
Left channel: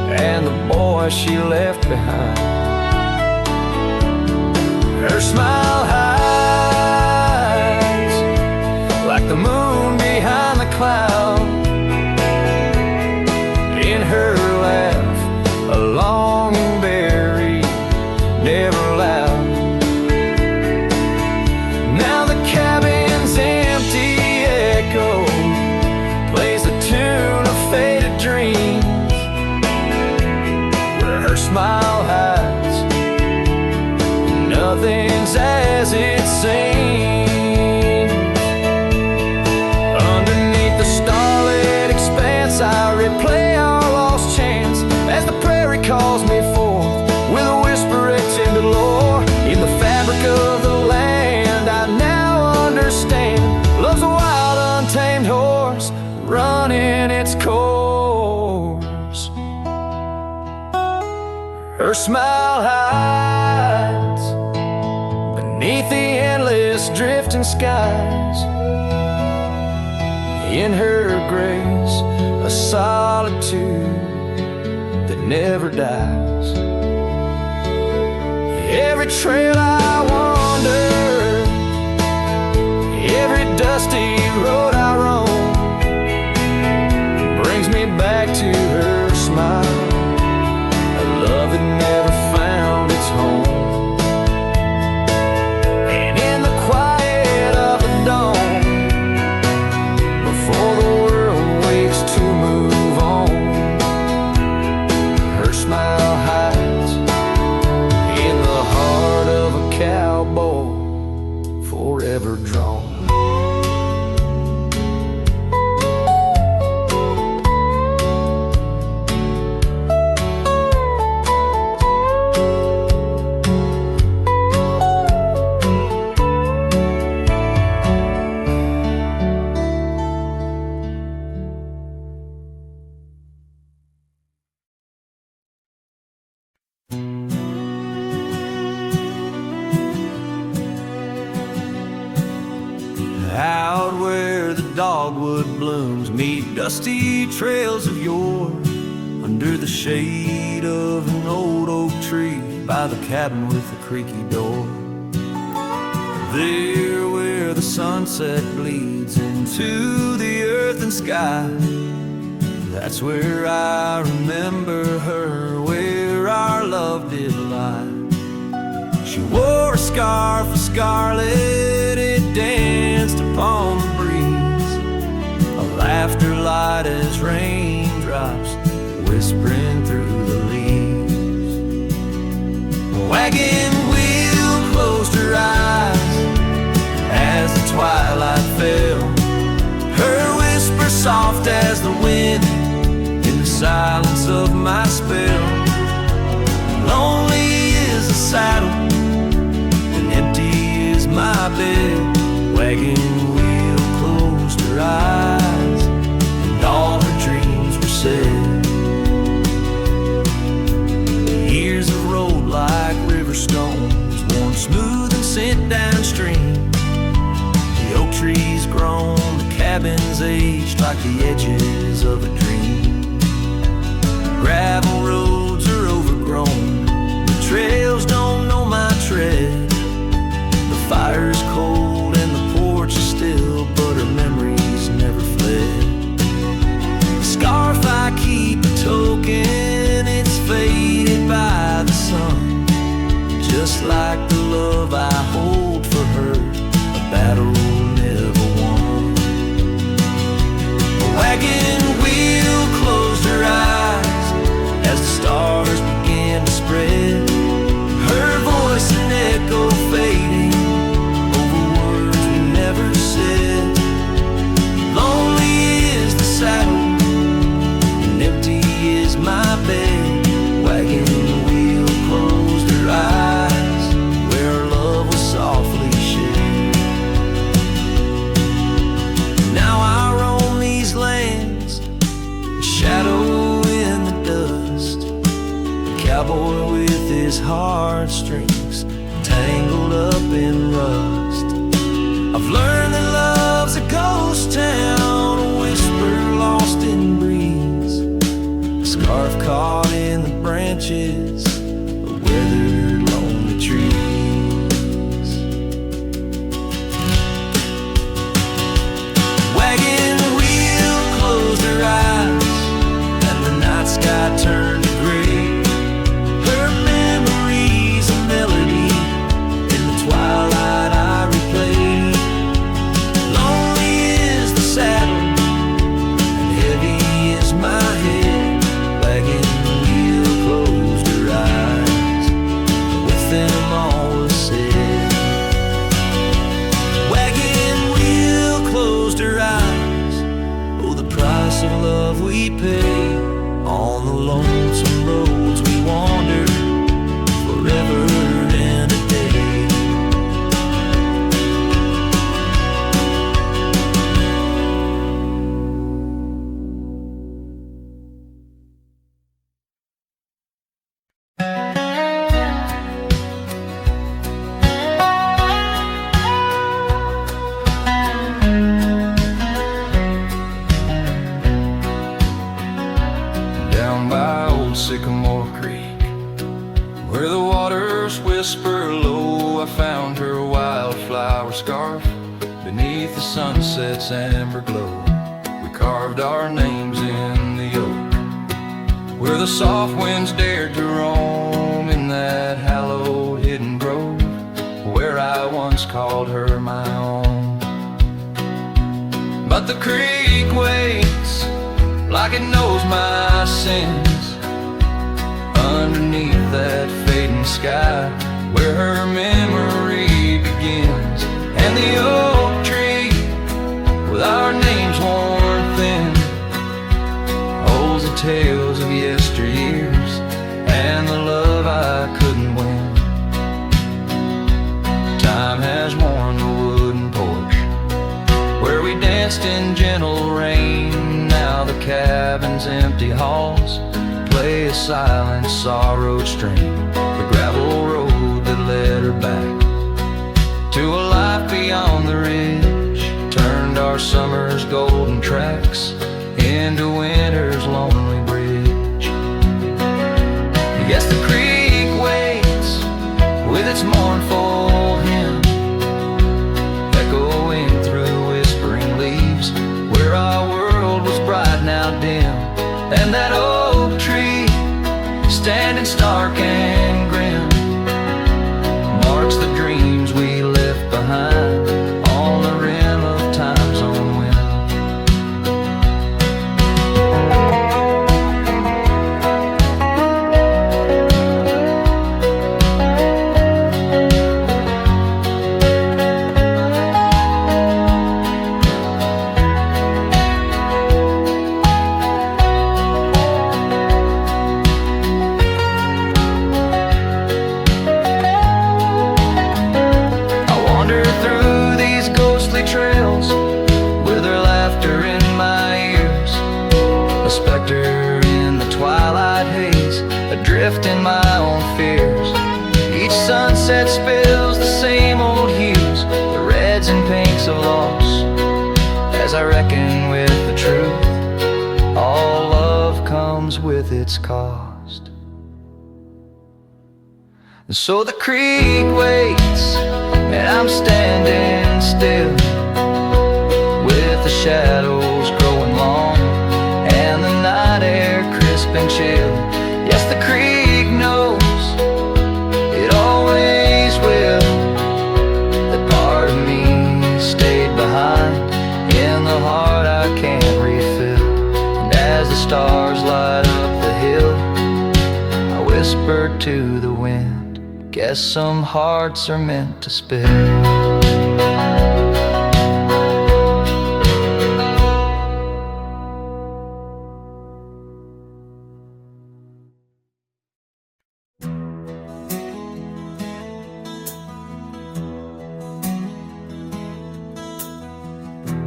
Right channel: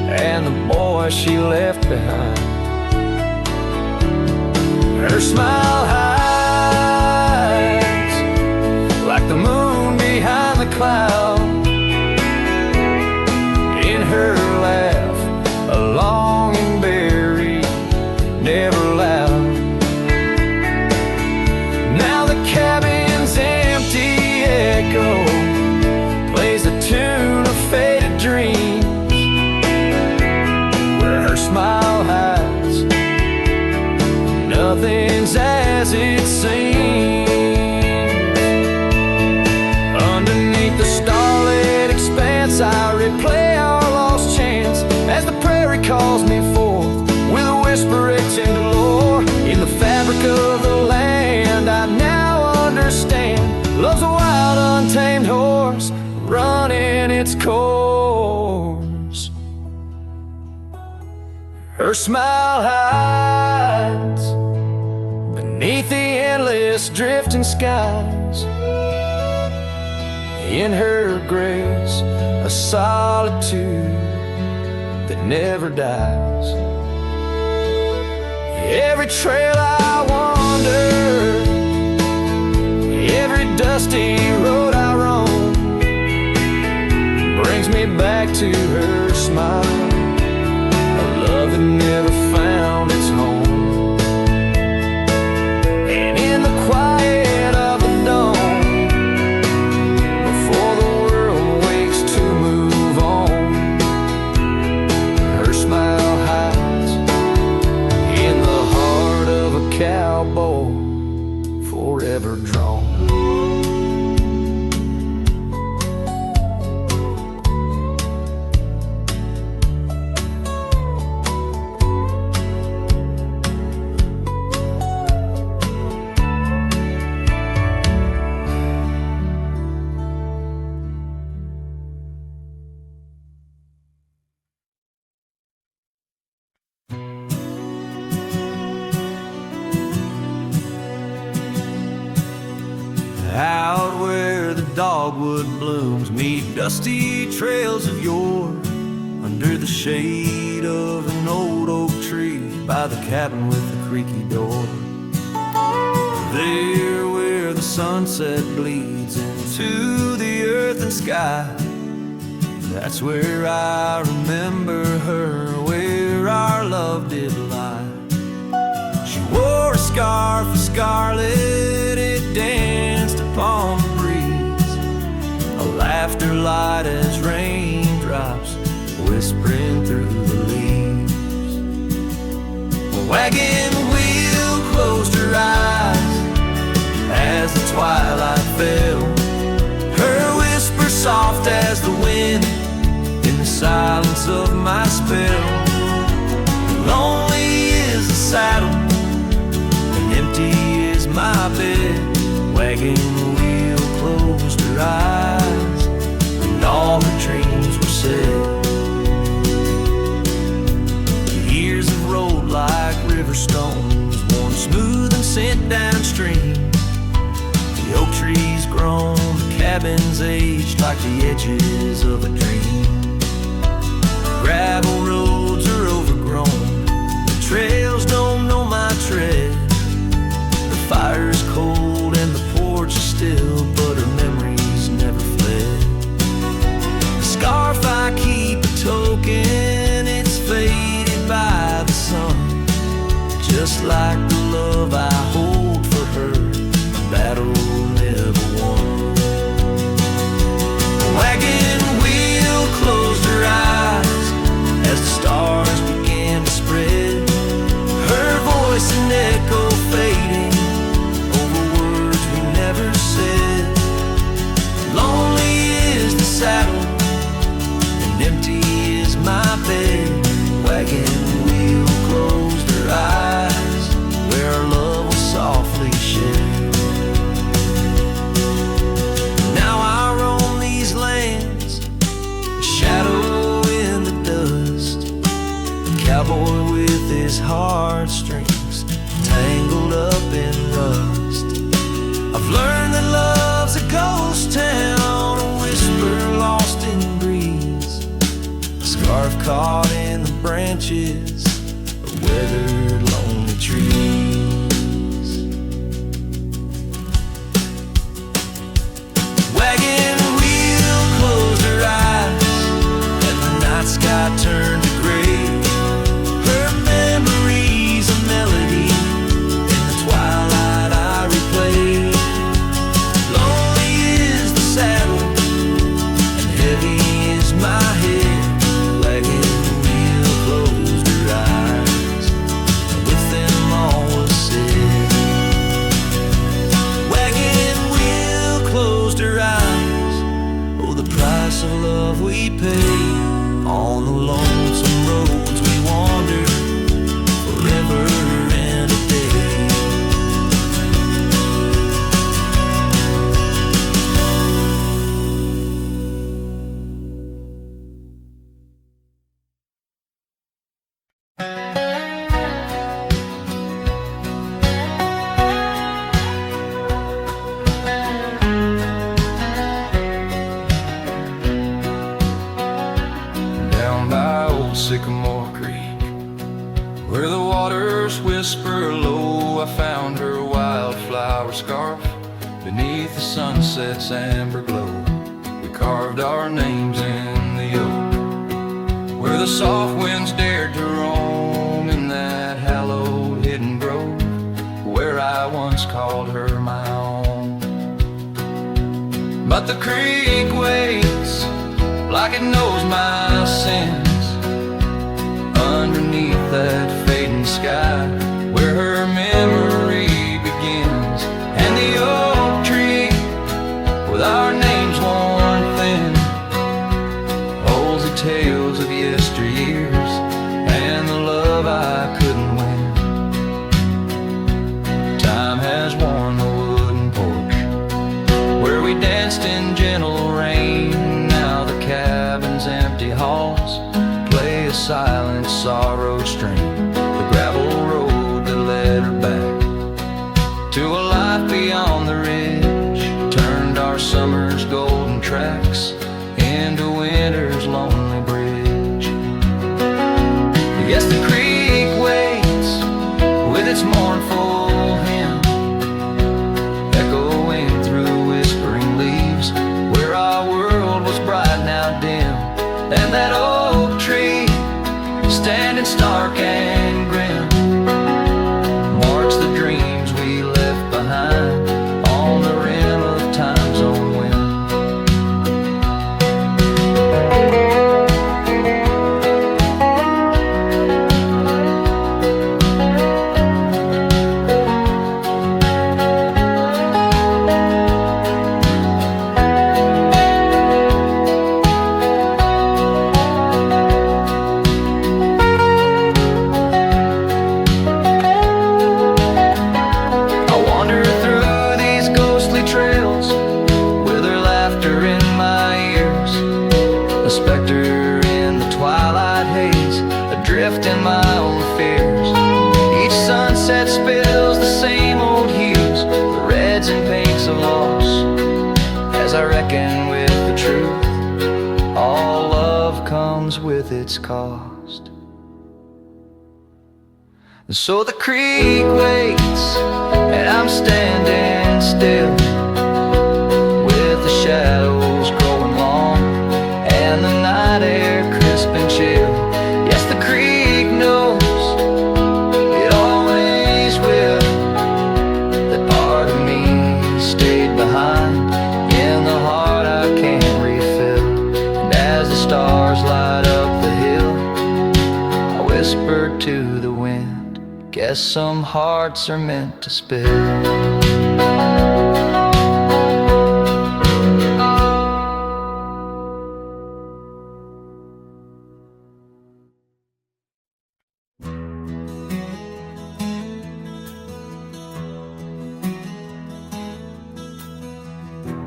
and the boy she left behind. Her smile hides like the moon behind the cloud. In her laugh, a longing buried, never loud. Now the cabin's empty echo plays the tune of faded dreams, where her smile hides nothing's as it seems. Underneath the starlit expanse, I replay our lost chance as the prairie calls me forth with a whisper etched into lore. In the fabric of the land, I now understand love's a wild, untamed horse running its course. Her smile hides beneath the endless drifting skies. In her grace, a solitude that never dies. Every trail I wander, every dusty road I roam, brings me back to her smile, a love that never found its home. And in the quiet of the dawn, before the world wakes to move on, her smile hides dogwood blooms meet dusty trails of yore, under the shade of an old oak tree by the cabin with the creaky door. There where the sunset bleeds into the earth and sky, that's where I remember her, where our love did lie. She wore a scarf of scarlet, it danced upon the breeze, a laughter light as raindrops whispering through the leaves. A wagon wheel closed her eyes as the twilight fell, her whisper soft as the wind in the silence of my spell. Lonely is the saddle and empty is my bed. Wagon wheel closed her eyes and all her dreams were said. The years have rolled like river stones, worn smooth and sent downstream. The oak trees grown, the cabins aged like the edges of a dream. Gravel roads are overgrown, the trails don't know my tread. The fire's cold and the porch is still, but her memories never fled. The scarf I keep a token, it's faded by the sun, just like the love I hold for her, a battle never won. The wagon wheel closed her eyes as the stars began to spread, her voice an echo fading over words we never said. Lonely is the saddle and empty is my bed. Wagon wheel closed her eyes where our love was softly shared. Now I roam these lands, a shadow in the dust, a cowboy with his heartstrings tangled up in rust. I've learned that love's a ghost town, a whisper lost in breeze, a scarf caught in the branches of weathered lonely trees. Wagon wheel closed her eyes and the night sky turned to gray, her memories a melody in the twilight I replay. Lonely is the saddle and heavy is my head. Wagon wheel closed her eyes and with them all was said. Wagon wheel closed her eyes, oh the price of love we pay. On the lonesome roads we wander forever and a day. Down by old Sycamore Creek, where the waters whisper low, I found her wildflower scarf beneath the sunset's amber glow. We carved our names in the oak, where the soft winds dared to roam, in that hallowed hidden grove, where I once called her my own. But the creek waits like it knows my sins, underneath that fading sky, where her memory begins. And the oak tree, with our names worn thin, holds the tales of yesteryears and the love I couldn't win. Time has worn the wooden porch, where we danced in gentle rain. Now the cabin's empty halls play a silent sorrowed strain, the gravel road that led her back to a life beyond the ridge, turned our summer's golden tracks into winter's lonely bridge. Yes, the creek waits with its mournful hymn, echoing through whispering leaves, where our world was bright now dim. And that oak tree, standing stark and grim, marks the dreams we left behind on the rim of time's own wind. Trails with her laughter in my ears, a specter in the twilight haze, adrift in my own fears. Each sunset spills the same old hues, the reds and pinks of loss, as I reckon with the truth, all love comes with its cost. And so the creek waits, and I'm standing still, with the shadows growing long and the night air crisp and chill. Yes, the creek knows, it always will, that part of me stayed behind in the heart I can't refill. And as the stars light up the hill, I whispered to the wind, guess some hearts are meant to spill.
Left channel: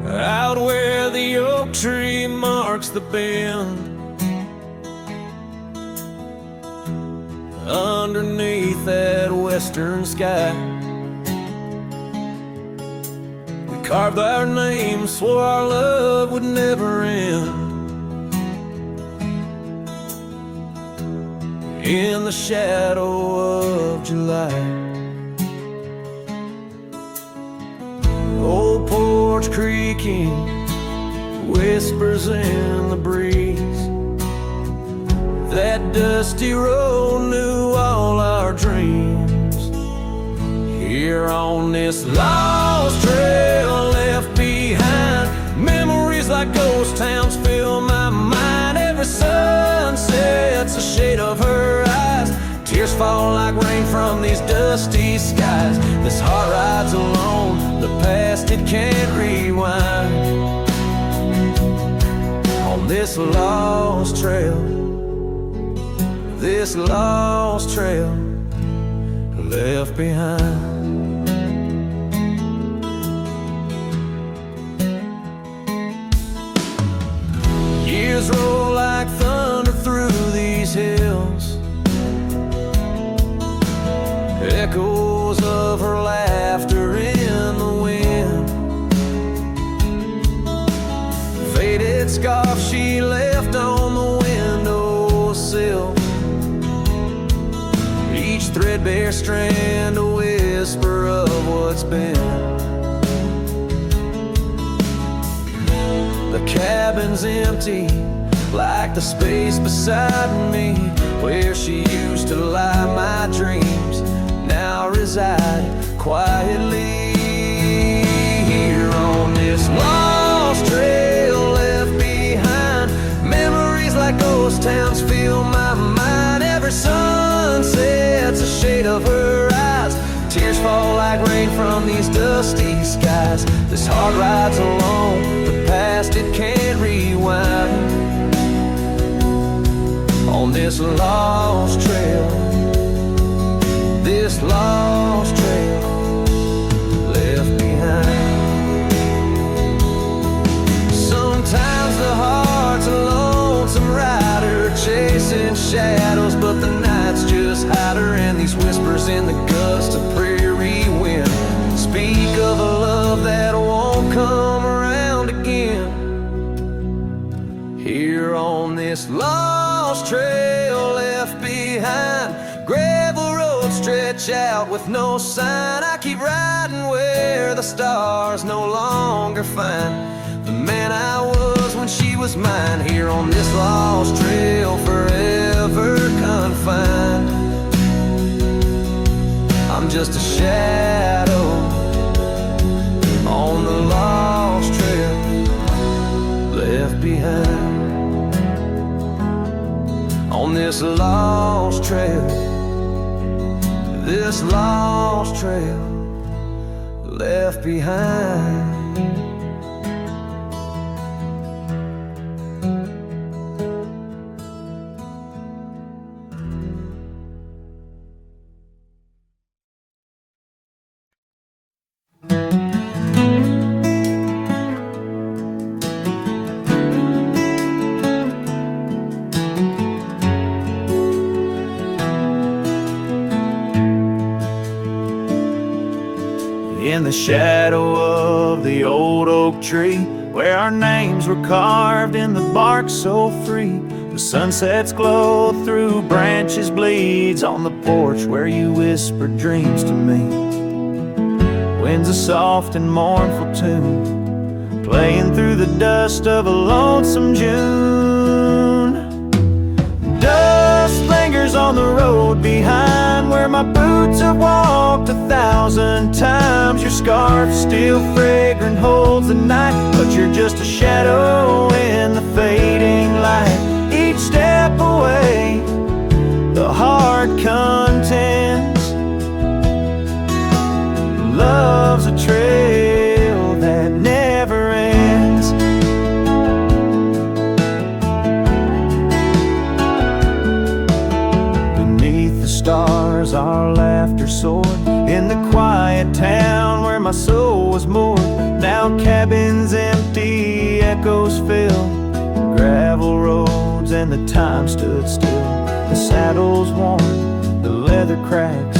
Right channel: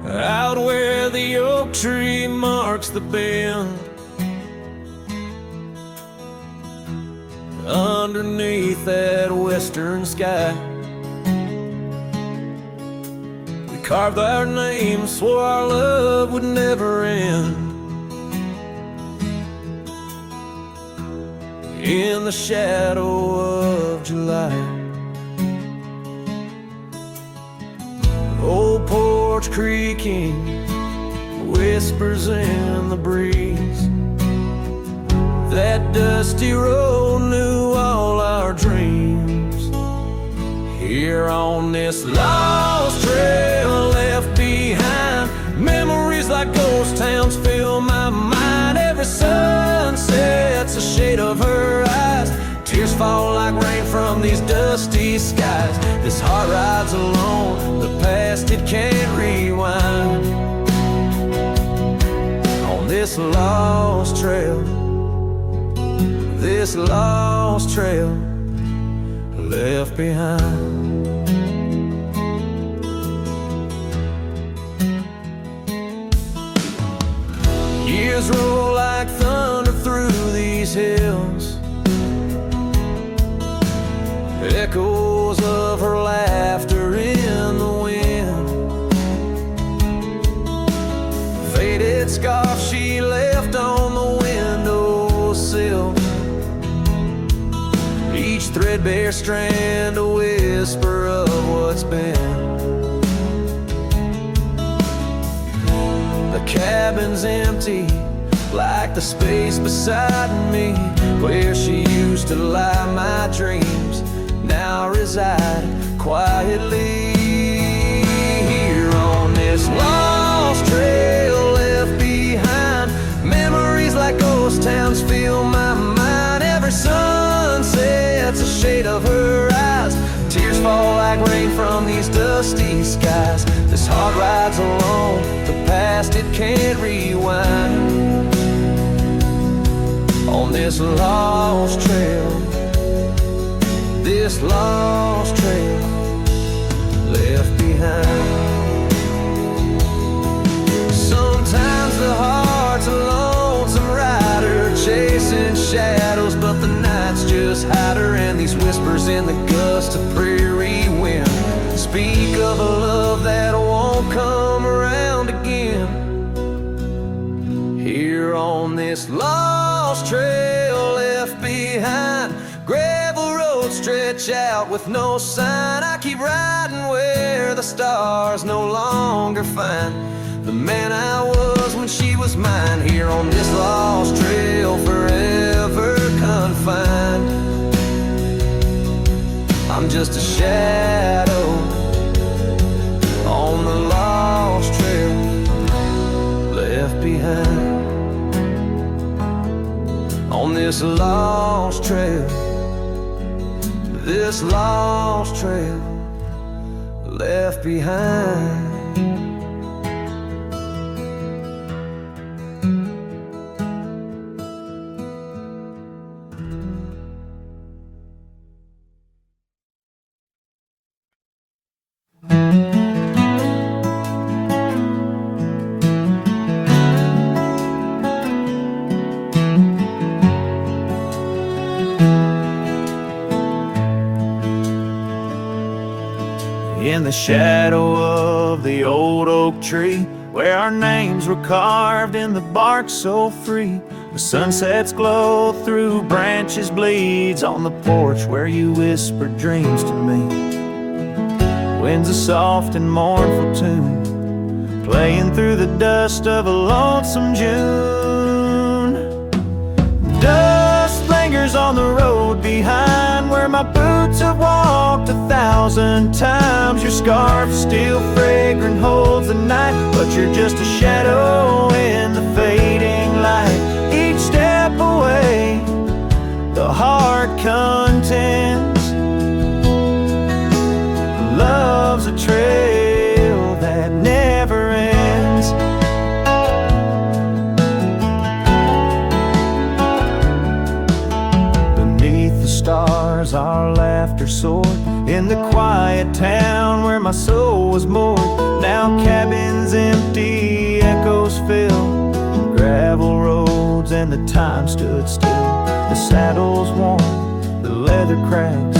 Out where the oak tree marks the bend, underneath that western sky, we carved our names, swore our love would never end. In the shadow of July, old porch creaking, whispers in the breeze. That dusty road knew all our dreams. Here on this lost trail left behind, memories like ghost towns fill my mind. Every sunset's a shade of her eyes, tears fall like rain from these dusty skies. This heart rides alone, the past it can't rewind. On this lost trail, this lost trail left behind. Years roll like thunder through these hills, echoes of her laughter in the wind. Faded scarf she left on the windowsill, each threadbare strand a whisper of what's been. The cabin's empty, like the space beside me, where she used to lie my dreams now reside quietly. Here on this lost trail left behind, memories like ghost towns fill my mind. Every sunset's a shade of her eyes, tears fall like rain from these dusty skies. This heart rides alone, the past it can't rewind. On this lost trail, this lost trail left behind. Sometimes the heart's a lonesome rider, chasing shadows, but the nights just hide her. And these whispers in the gust of prairie wind speak of a love that won't come around again. Here on this lost trail left behind, gravel roads stretch out with no sign. I keep riding where the stars no longer find the man I was when she was mine. Here on this lost trail, forever confined, I'm just a shadow on the lost trail left behind. On this lost trail, this lost trail left behind. In the shadow of the old oak tree, where our names were carved in the bark so free, the sunset's glow through branches bleeds on the porch where you whispered dreams to me. Wind's a soft and mournful tune, playing through the dust of a lonesome June. Dust lingers on the road behind, where my boots have walked 1,000 times. Your scarf still fragrant holds the night, but you're just a shadow in the fading light. Each step away, the heart contends. Love's a trail that never ends. Beneath the stars our laughter soared, in the quiet town where my soul was moored. Now cabins empty, echoes fill gravel roads, and the time stood still. The saddle's worn, the leather cracks,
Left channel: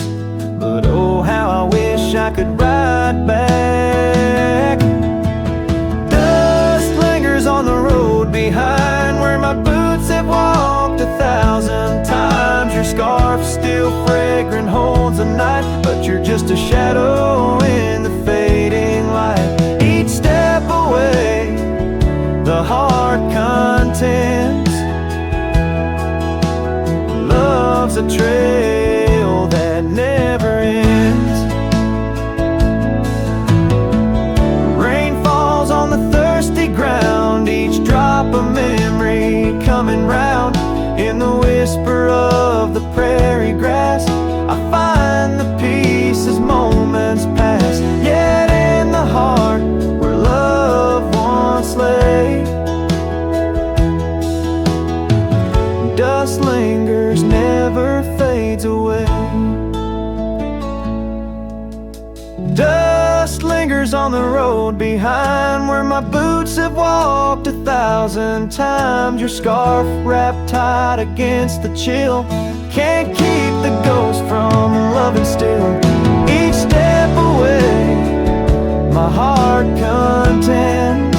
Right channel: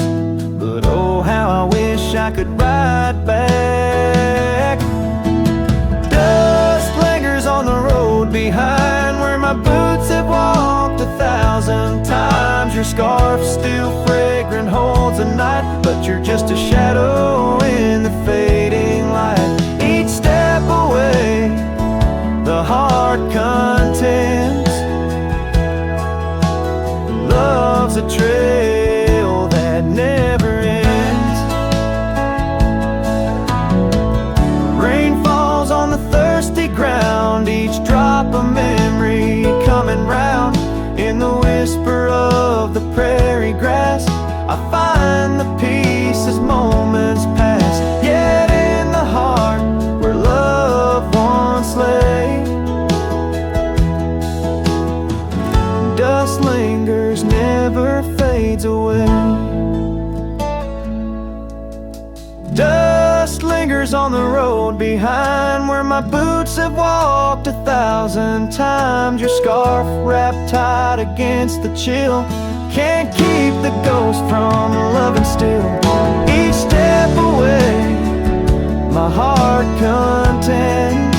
but oh how I wish I could ride back. Dust lingers on the road behind, where my boots have walked 1,000 times. Your scarf still fragrant holds the night, but you're just a shadow in the fading light. Each step away, the heart contends. Love's a trail that never ends. Rain falls on the thirsty ground, each drop a memory coming round. In the whisper of the prairie grass, I find the peace as moments pass. Yet in the heart where love once lay, dust lingers, never fades away. Dust lingers on the road behind, where my boots have walked 1,000 times. Your scarf wrapped tight against the chill, can't keep the ghost from loving still. Each step away, my heart contends.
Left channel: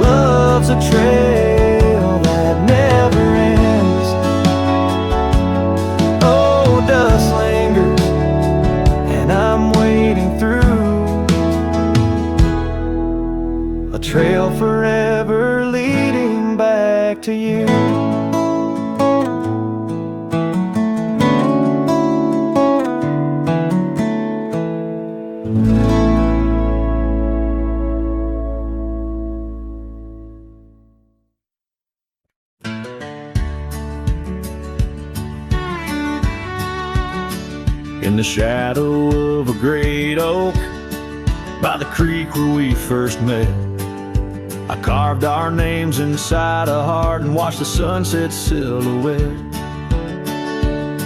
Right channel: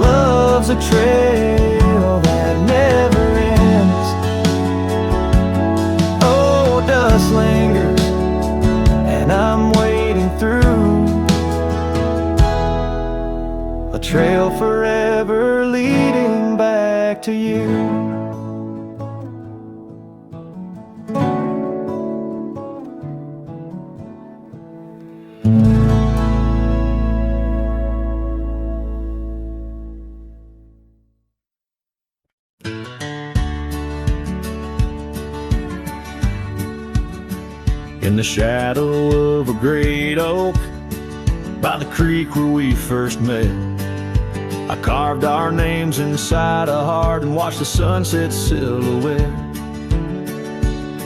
Love's a trail that never ends. Oh, dust lingers, and I'm wading through a trail forever leading back to you. In the shadow of a great oak, by the creek where we first met, I carved our names inside a heart and watched the sunset silhouette.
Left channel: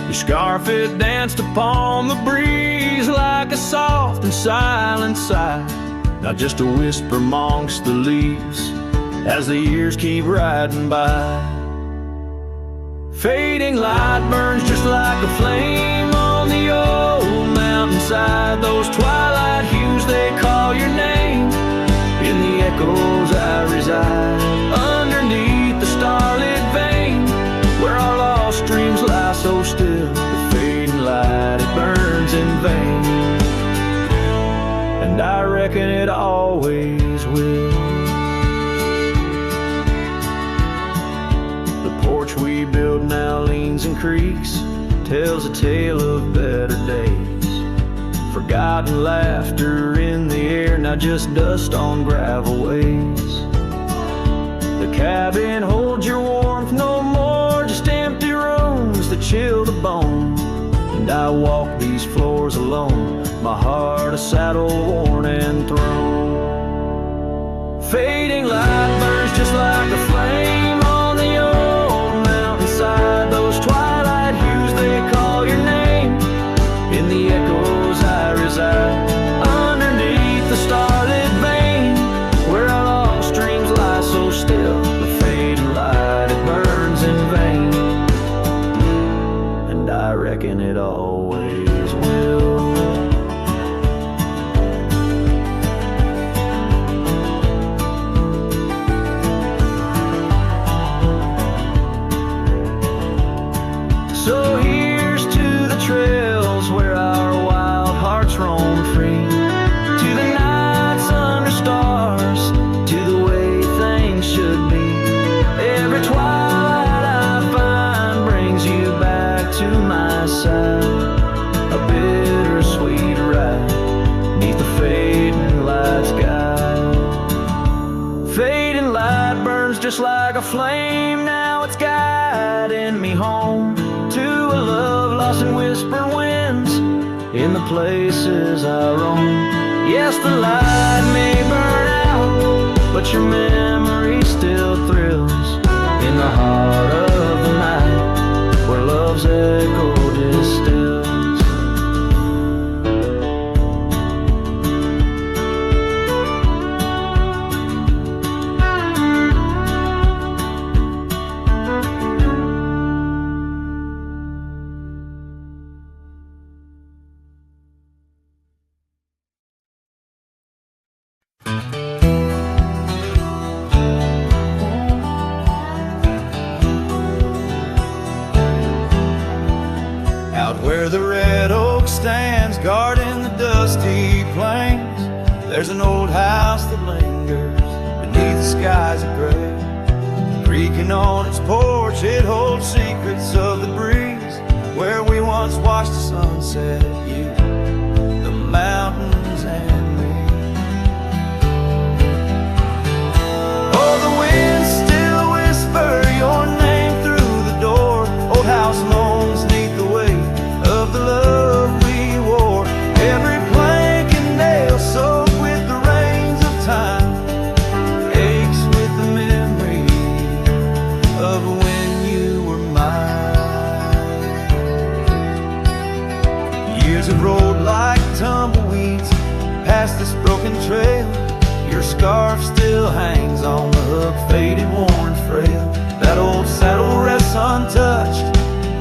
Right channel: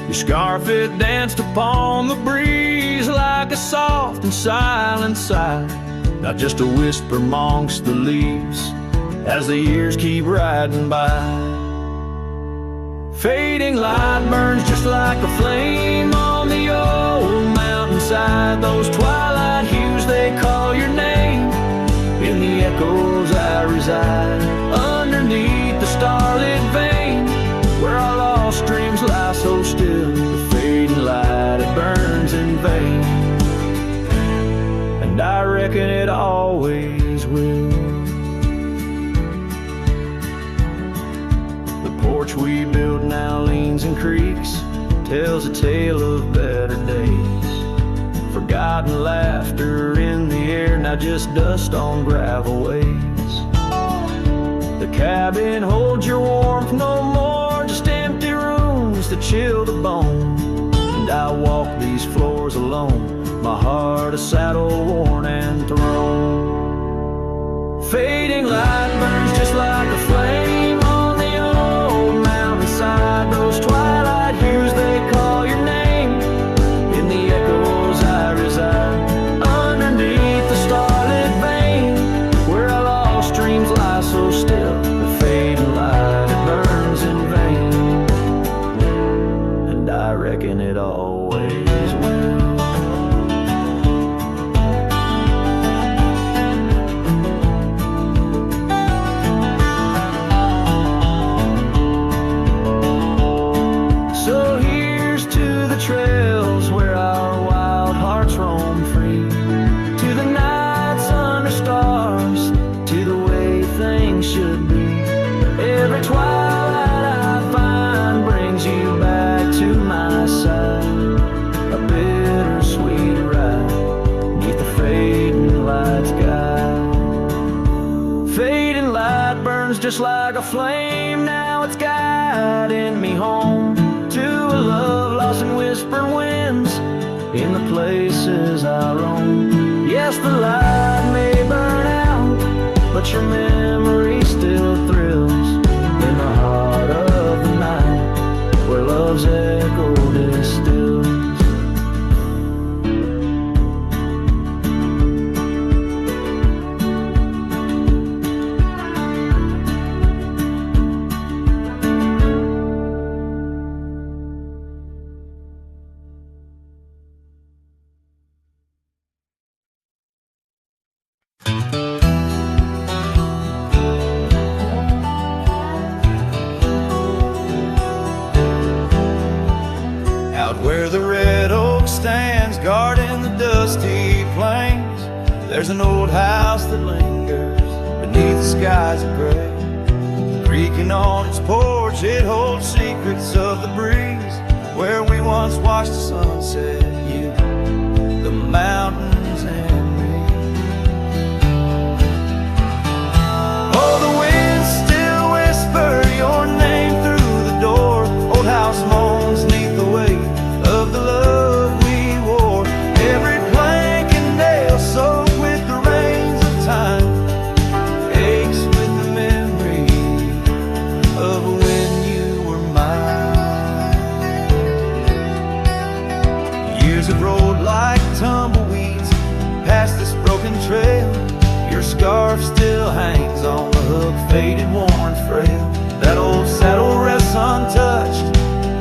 Your scarf, it danced upon the breeze like a soft and silent sigh, not just a whisper amongst the leaves as the years keep riding by. Fading light burns just like a flame on the old mountain inside those twilight hues, they call your name. In the echoes I reside, underneath the starlit vein, where our lost dreams lie so still. The fading light, it burns in vain, and I reckon it always will. The porch we built now leans and creaks, tells a tale of better days. Forgotten laughter in the air, now just dust on gravel ways. The cabin holds your warmth no more, just empty rooms to chill the bone. And I walk these floors alone, my heart a saddle worn and thrown. Fading light burns just like a flame on the old mountainside. Those twilight hues, they call your name. In the echoes I reside, underneath the starlit vein, where our lost dreams lie so still. The fading light, it burns in vain, and I reckon it always will. So here's to the trails where our wild hearts roam free, to the nights under stars, to the way things should be. Every twilight I find brings you back to my side, a bittersweet ride neath the fading light sky. Fading light burns just like a flame, now it's guiding me home to a love lost in whispered winds in the places I roam. Yes, the light may burn out, but your memory still thrills in the heart of the night, where love's echo distills. Out where the red oak stands, guarding the dusty plains, there's an old house that lingers beneath the skies of gray. Creaking on its porch, it holds secrets of the breeze, where we once watched the sunset, you, the mountains, and me. Oh, the winds still whisper your name through the door. Old house moans neath the weight of the love we wore. Every plank and nail soaked with the rains of time aches with the memory of when you were mine. Years have rolled like tumbleweeds past this broken trail. Your scarf still hangs on the hook, faded, worn, frail. That old saddle rests untouched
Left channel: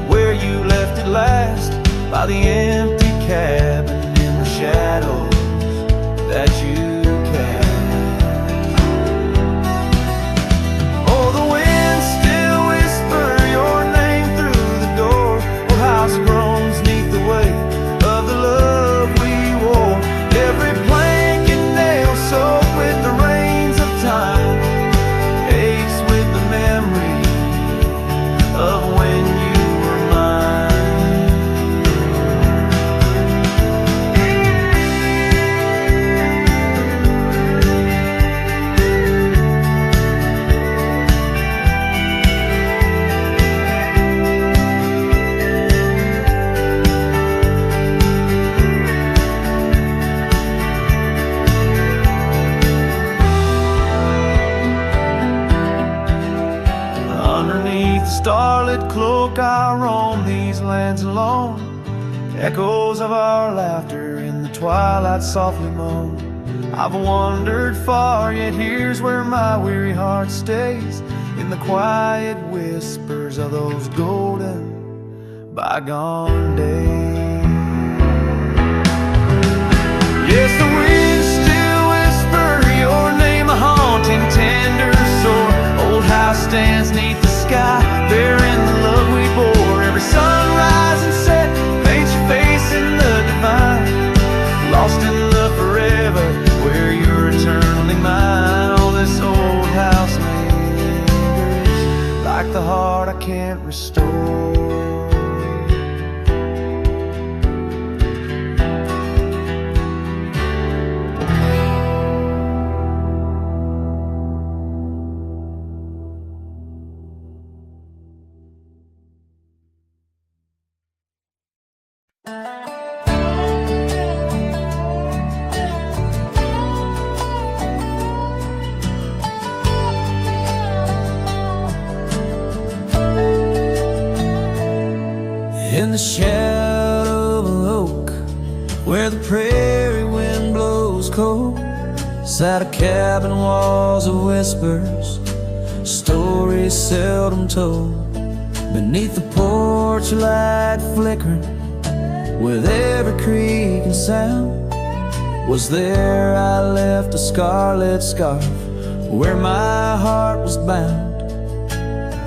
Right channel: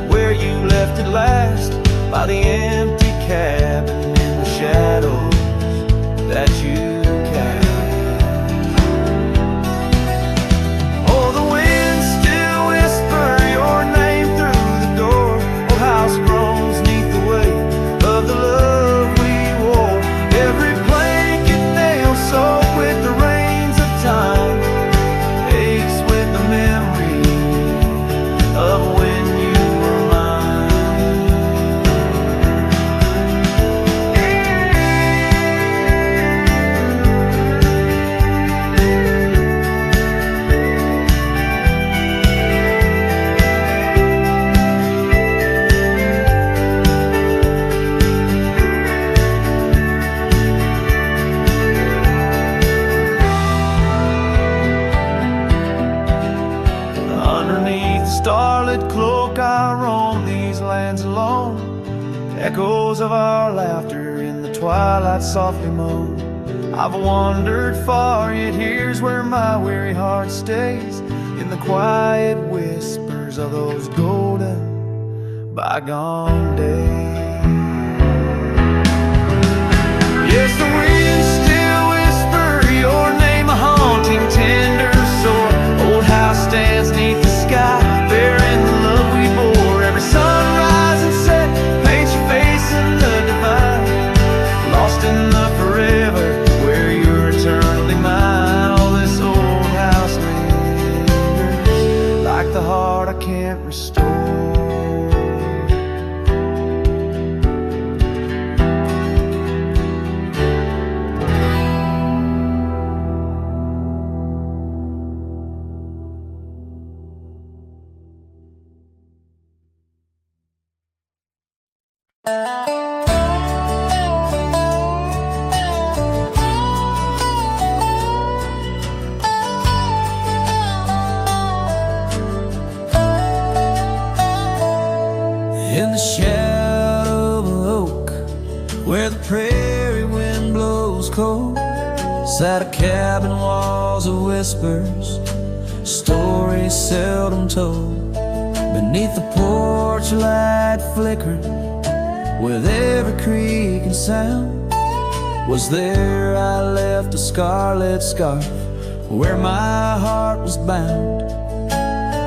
where you left it last, by the empty cabin in the shadows that you cast. Oh, the winds still whisper your name through the door. Old house groans neath the weight of the love we wore. Every plank and nail soaked with the rains of time aches with the memory of when you were mine. Underneath the starlit cloak I roam these lands alone. Echoes of our laughter in the twilight softly moan. I've wandered far, yet here's where my weary heart stays, in the quiet whispers of those golden bygone days. Yes, the winds still whisper your name, a haunting, tender sore. Old house stands neath the sky, bearing the love we bore. Every sunrise and set paints your face in the divine, lost in the forever where you're eternally mine. All this old house lingers like the heart I can't restore. In the shadow of an oak, where the prairie wind blows cold, sat a cabin, walls of whispers, stories seldom told. Beneath the porch light flickering, with every creak and sound, was there I left a scarlet scarf where my heart was bound.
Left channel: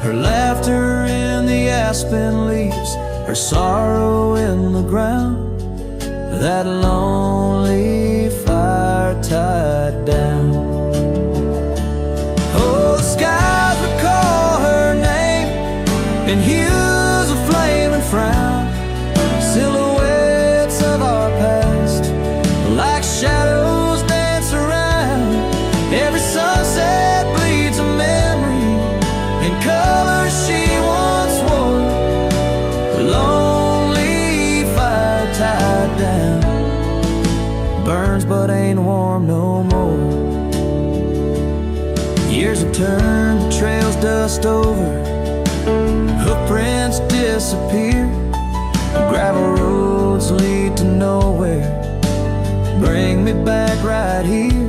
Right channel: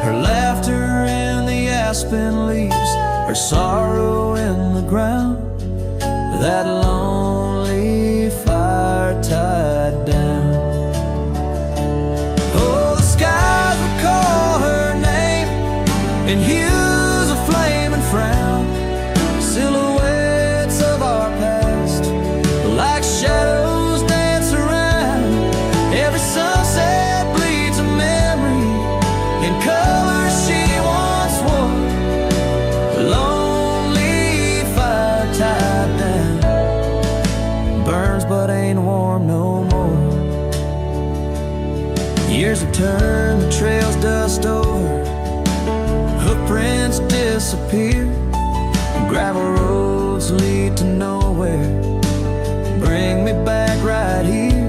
Her laughter in the aspen leaves, her sorrow in the ground, that lonely fire tied down. Oh, the skies recall her name in hues of flame and frown, silhouettes of our past, like shadows dance around. Every sunset bleeds a memory in colors she once wore. Lonely fire tied down, burns but ain't warm no more. Years have turned the trails dust over, hoofprints disappear, gravel roads lead to nowhere. Bring me back right here,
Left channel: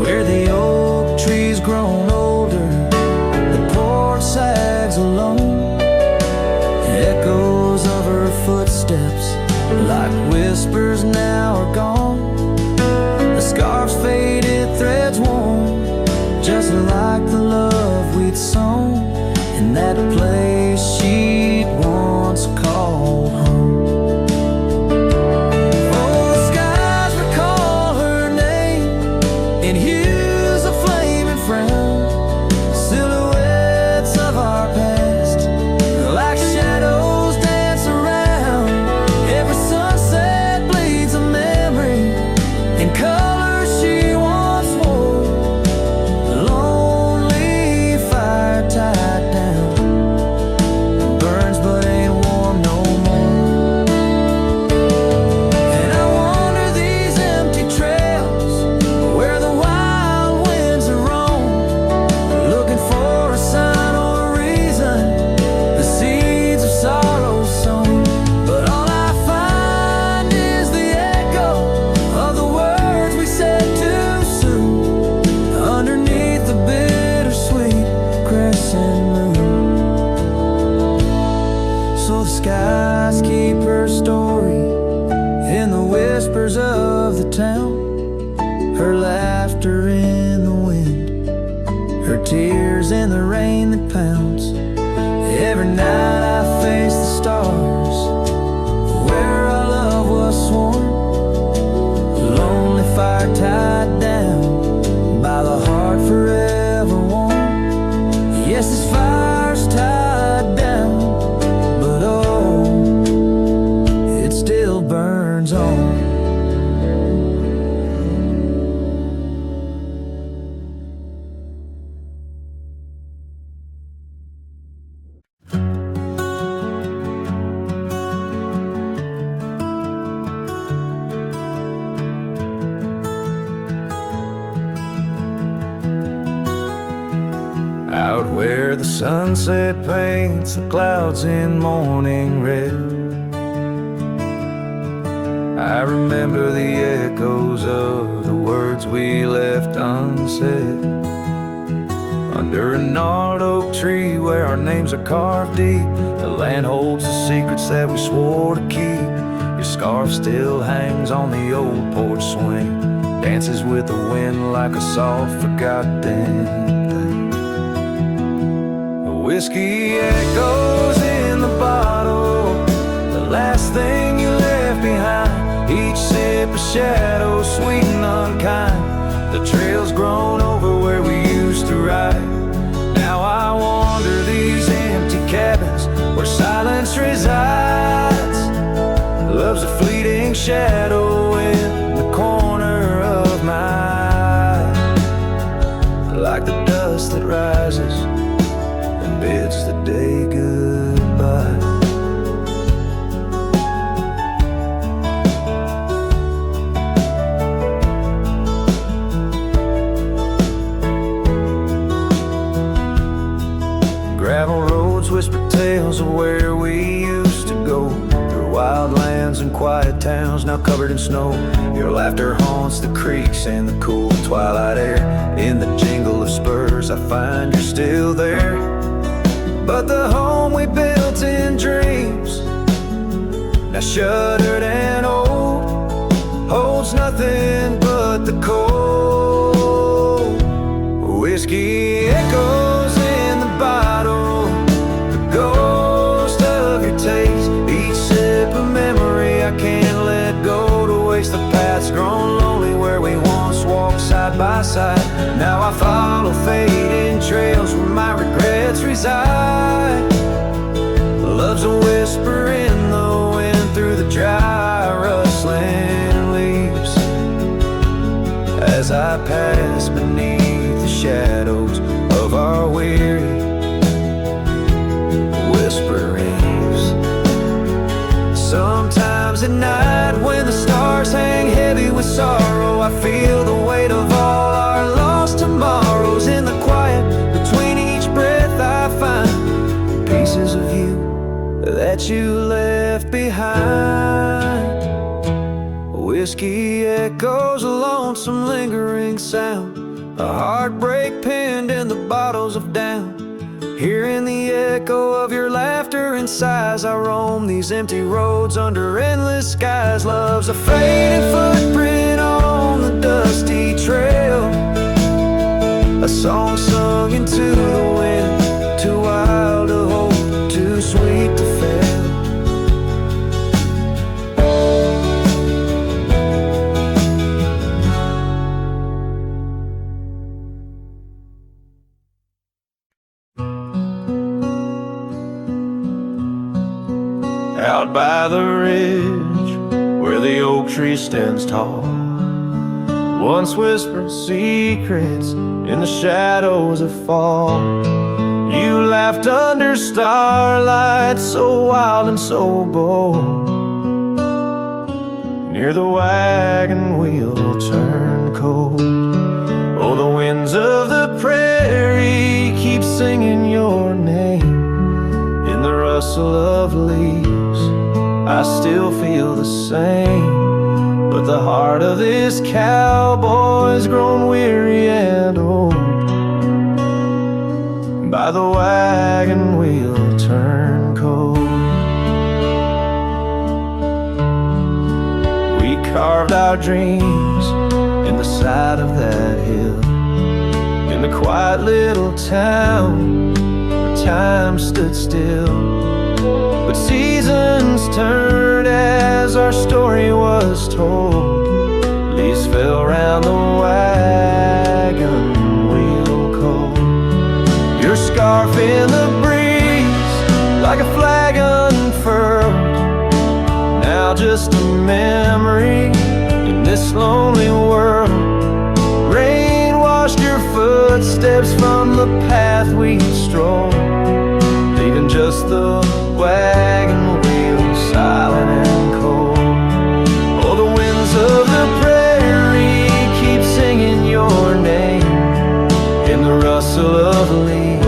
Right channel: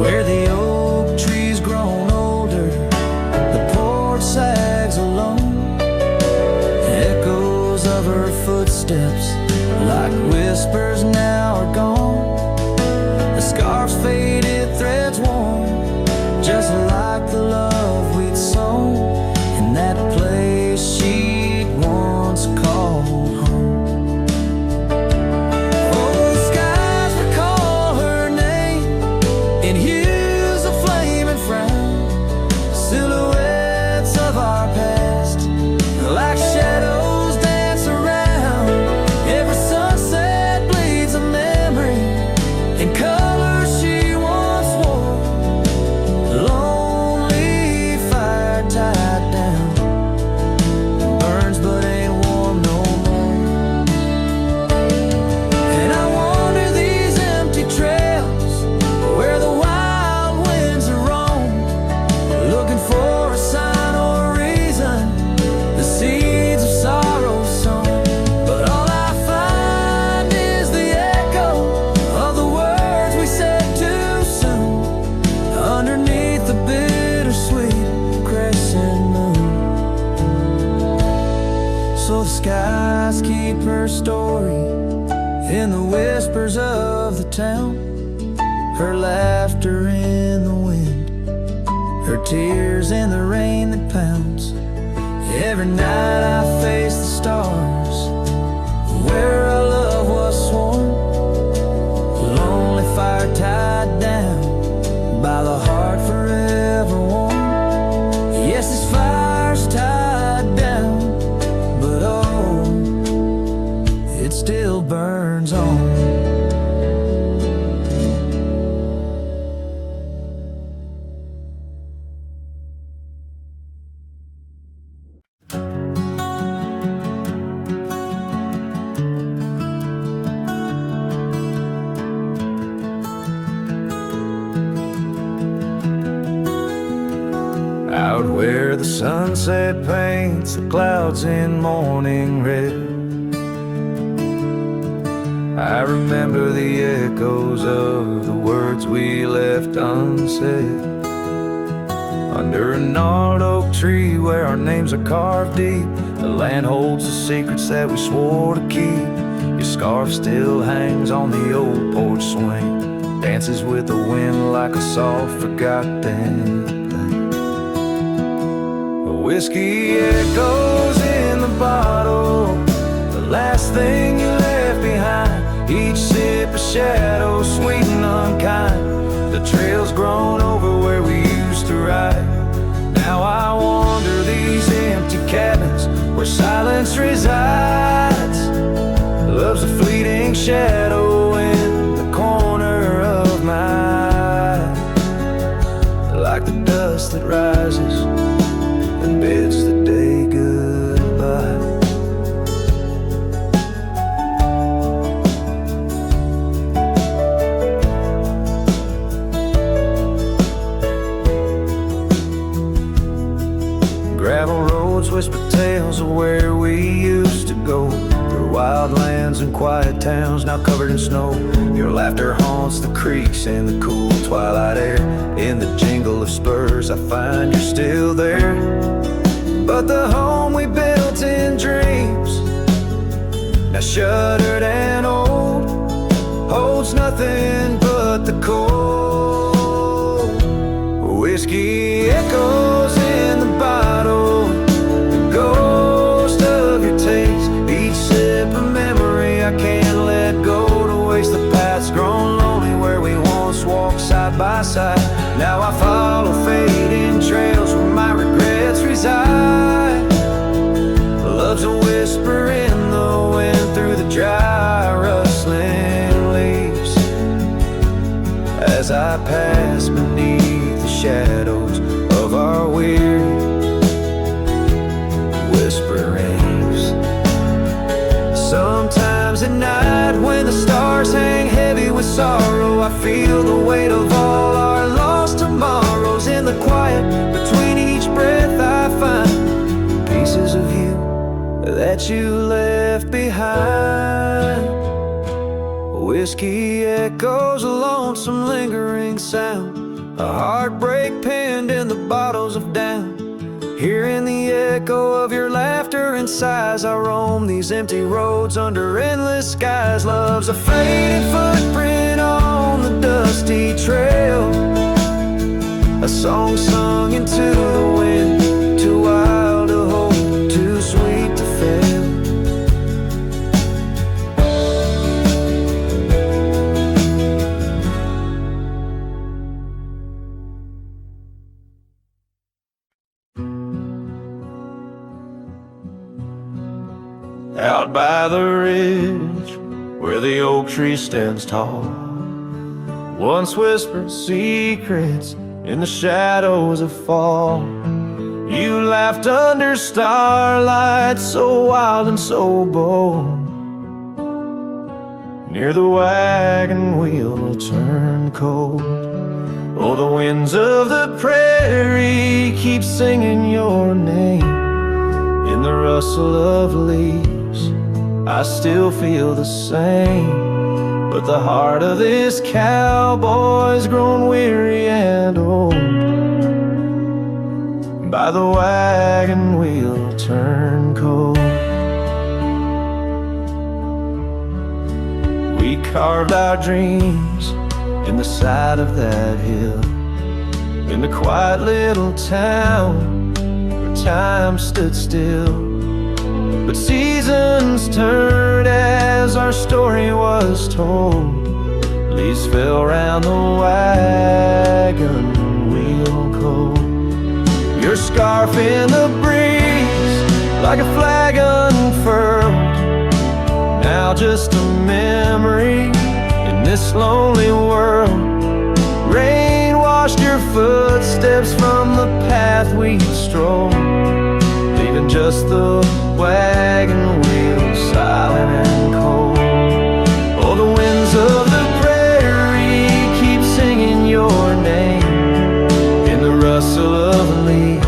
where the oak tree's grown older, the porch sags alone. Echoes of her footsteps, like whispers, now are gone. The scarf's faded, threads worn, just like the love we'd sown in that place she'd once called home. Oh, the skies recall her name in hues of flame and frown, silhouettes of our past, like shadows dance around. Every sunset bleeds a memory in colors she once wore. Lonely fire tied down, burns but ain't warm no more. And I wander these empty trails where the wild winds are roam, looking for a sign or a reason, the seeds of sorrow sown. But all I find is the echo of the words we said too soon, underneath the bittersweet crescent moon. So the skies keep her story in the whispers of the town, her laughter in the wind, her tears in the rain that pounds. Every night I face the stars, where our love was sworn. Lonely fire tied down by the heart forever warm. Yes, this fire's tied down, but oh, it still burns on. Out where the sunset paints the clouds in morning red, I remember the echoes of the words we left unsaid. Under a gnarled oak tree where our names are carved deep, the land holds the secrets that we swore to keep. Your scarf still hangs on the old porch swing, dances with the wind like a soft forgotten thing. The whiskey echoes in the bottle, the last thing you left behind. Each sip a shadow, sweet and unkind. The trail's grown over where we used to ride. Now I wander these empty cabins where silence resides. Love's a fleeting shadow in the corner of my eye, like the dust that rises and bids the day goodbye. Gravel roads whisper tales of where we used to go, through wild lands and quiet towns now covered in snow. Your laughter haunts the creeks and the cool twilight air. In the jingle of spurs I find you're still there. But the home we built in dreams, now shuttered and old, holds nothing but the cold. Whiskey echoes in the bottle, the ghost of your taste. Each sip a memory I can't let go to waste. The path's grown lonely where we once walked side by side. Now I follow fading trails where my regrets reside. Love's a whisper in the wind through the dry rustling leaves, as I pass beneath the shadows of our weary whisperings. Sometimes at night when the stars hang heavy with sorrow, I feel the weight of all our lost tomorrows. In the quiet between each breath I find pieces of you that you left behind. Whiskey echoes a lonesome lingering sound, a heartbreak pinned in the bottles of down. Hearing the echo of your laughter and sighs, I roam these empty roads under endless skies. Love's a fading footprint on the dusty trail, a song sung into the wind, too wild to hold, too sweet to fail. Out by the ridge where the oak tree stands tall, once whispered secrets in the shadows of fall. You laughed under starlight, so wild and so bold. Near the wagon wheel turned cold. Oh, the winds of the prairie keep singing your name. In the rustle of leaves I still feel the same, but the heart of this cowboy's grown weary and old. By the wagon wheel turned cold. We carved our dreams in the side of that hill, in the quiet little town where time stood still. But seasons turned as our story was told. Leaves fell round the wagon wheel cold. Your scarf in the breeze like a flag unfurled, now just a memory in this lonely world. Rain washed your footsteps from the path we strolled, leaving just the wagon wheel silent and cold. Oh, the winds of the prairie keep singing your name. In the rustle of leaves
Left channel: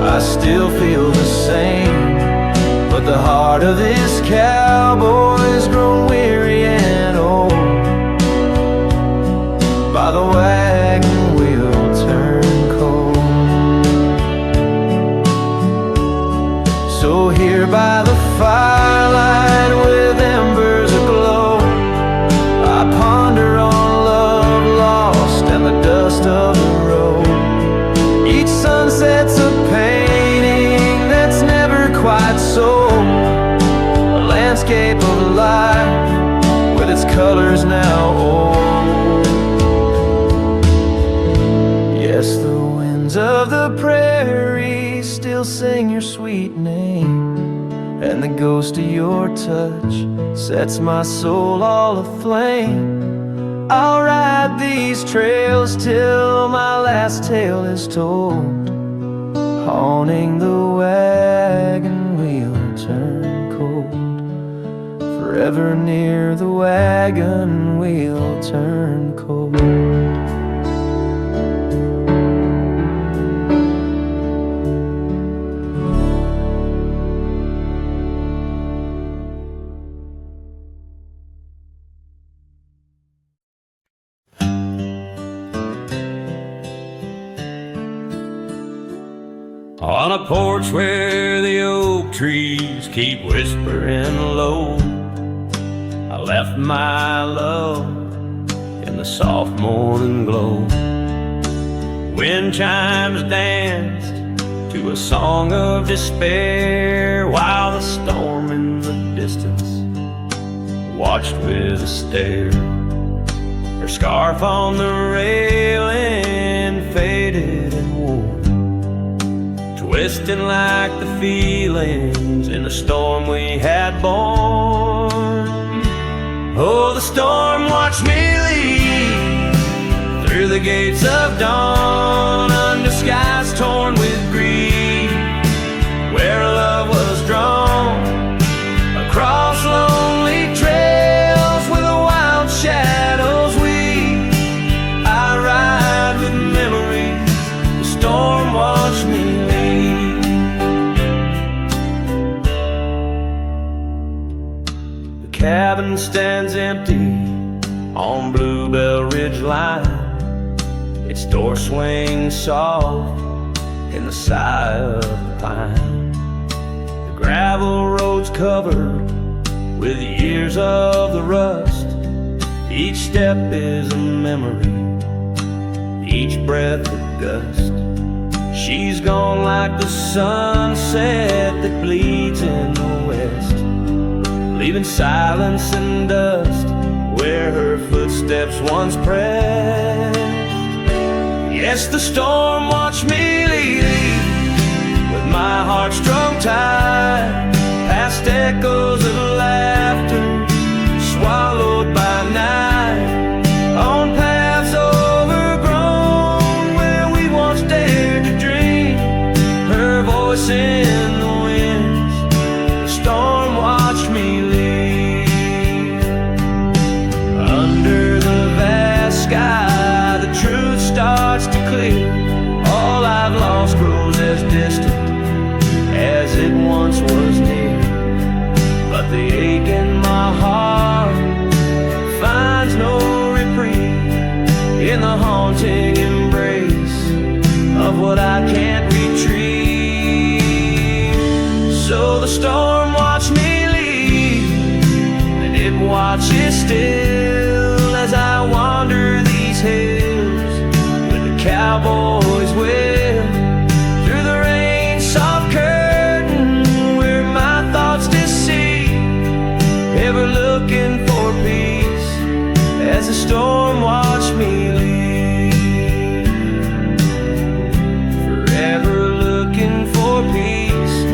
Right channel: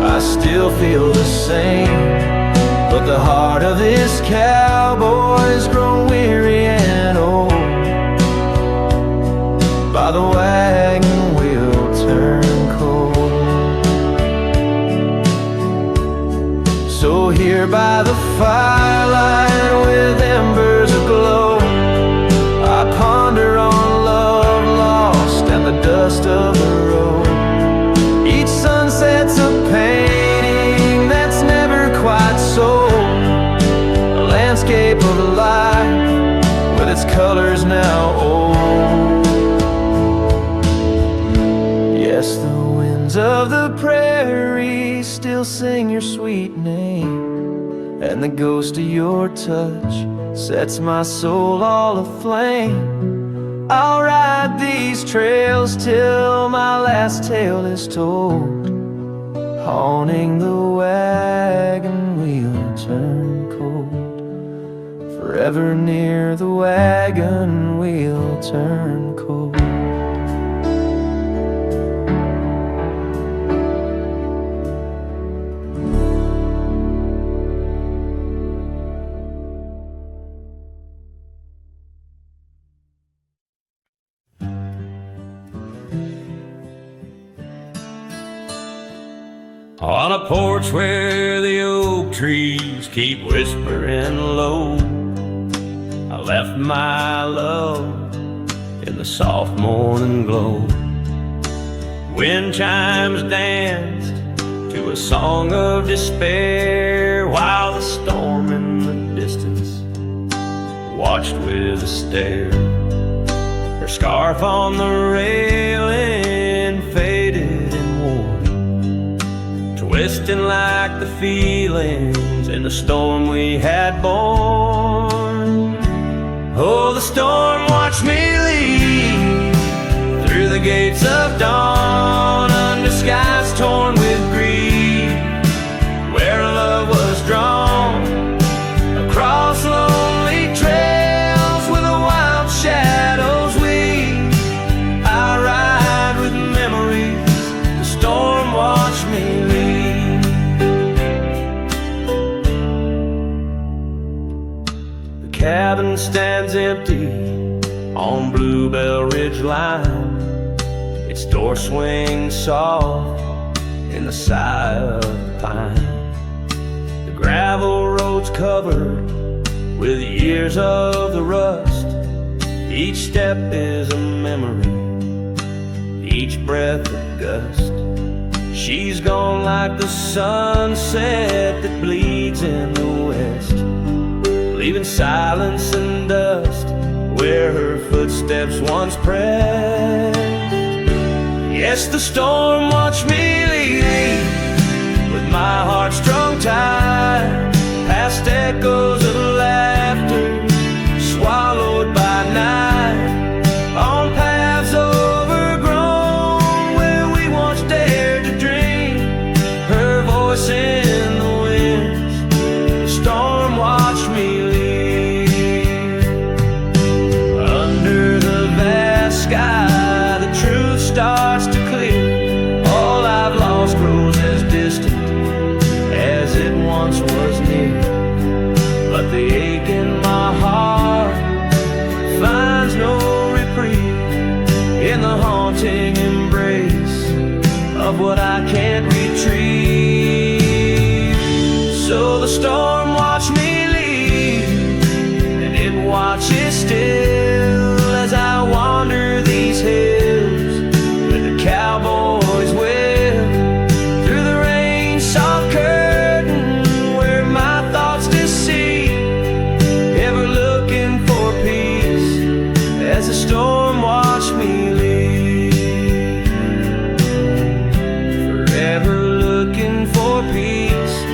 I still feel the same, but the heart of this cowboy's grown weary and old. By the wagon wheel turned cold. So So here by the firelight with embers aglow, I ponder on love lost and the dust of the road. Each sunset's a painting that's never quite sold, a landscape of life with its colors now old. Yes, the winds of the prairie still sing your sweet name, and the ghost of your touch sets my soul all aflame. I'll ride these trails till my last tale is told, haunting the wagon wheel turn cold. Forever near the wagon wheel turn cold. On a porch where the oak trees keep whispering low, I left my love in the soft morning glow. Wind chimes danced to a song of despair, while the storm in the distance watched with a stare. Her scarf on the railing faded and wore, twisting like the feelings in the storm we had borne. Oh, the storm watched me leave through the gates of dawn, under skies torn with grief, where love was drawn, across lonely trails where the wild shadows weave. I ride with memories, the storm watched me leave. The cabin stands empty on Bluebell Ridge line, its door swings soft in the sigh of the pine. The gravel road's covered with years of the rust, each step is a memory, each breath a gust. She's gone like the sunset that bleeds in the west, leaving silence and dust where her footsteps once pressed. Yes, the storm watched me leave with my heart strung tight, past echoes of laughter swallowed by night, on paths overgrown where we once dared to dream. Her voice in the winds, the storm watched me leave. Under the vast sky, the truth starts to clear. All I've lost grows as distant as it once was near, but the ache in my heart finds no reprieve in the haunting embrace of what I can't retrieve. So the storm watched me leave, and it watches still as I wander these hills with the cowboy's will through the rain soft curtain where my thoughts deceive, ever looking for peace as the storm watched me leave. Forever looking for peace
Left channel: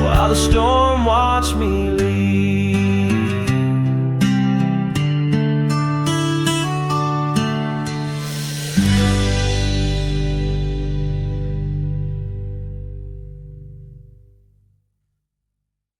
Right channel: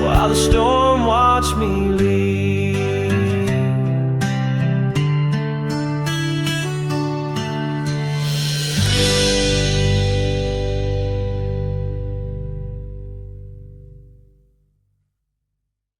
while the storm watched me leave.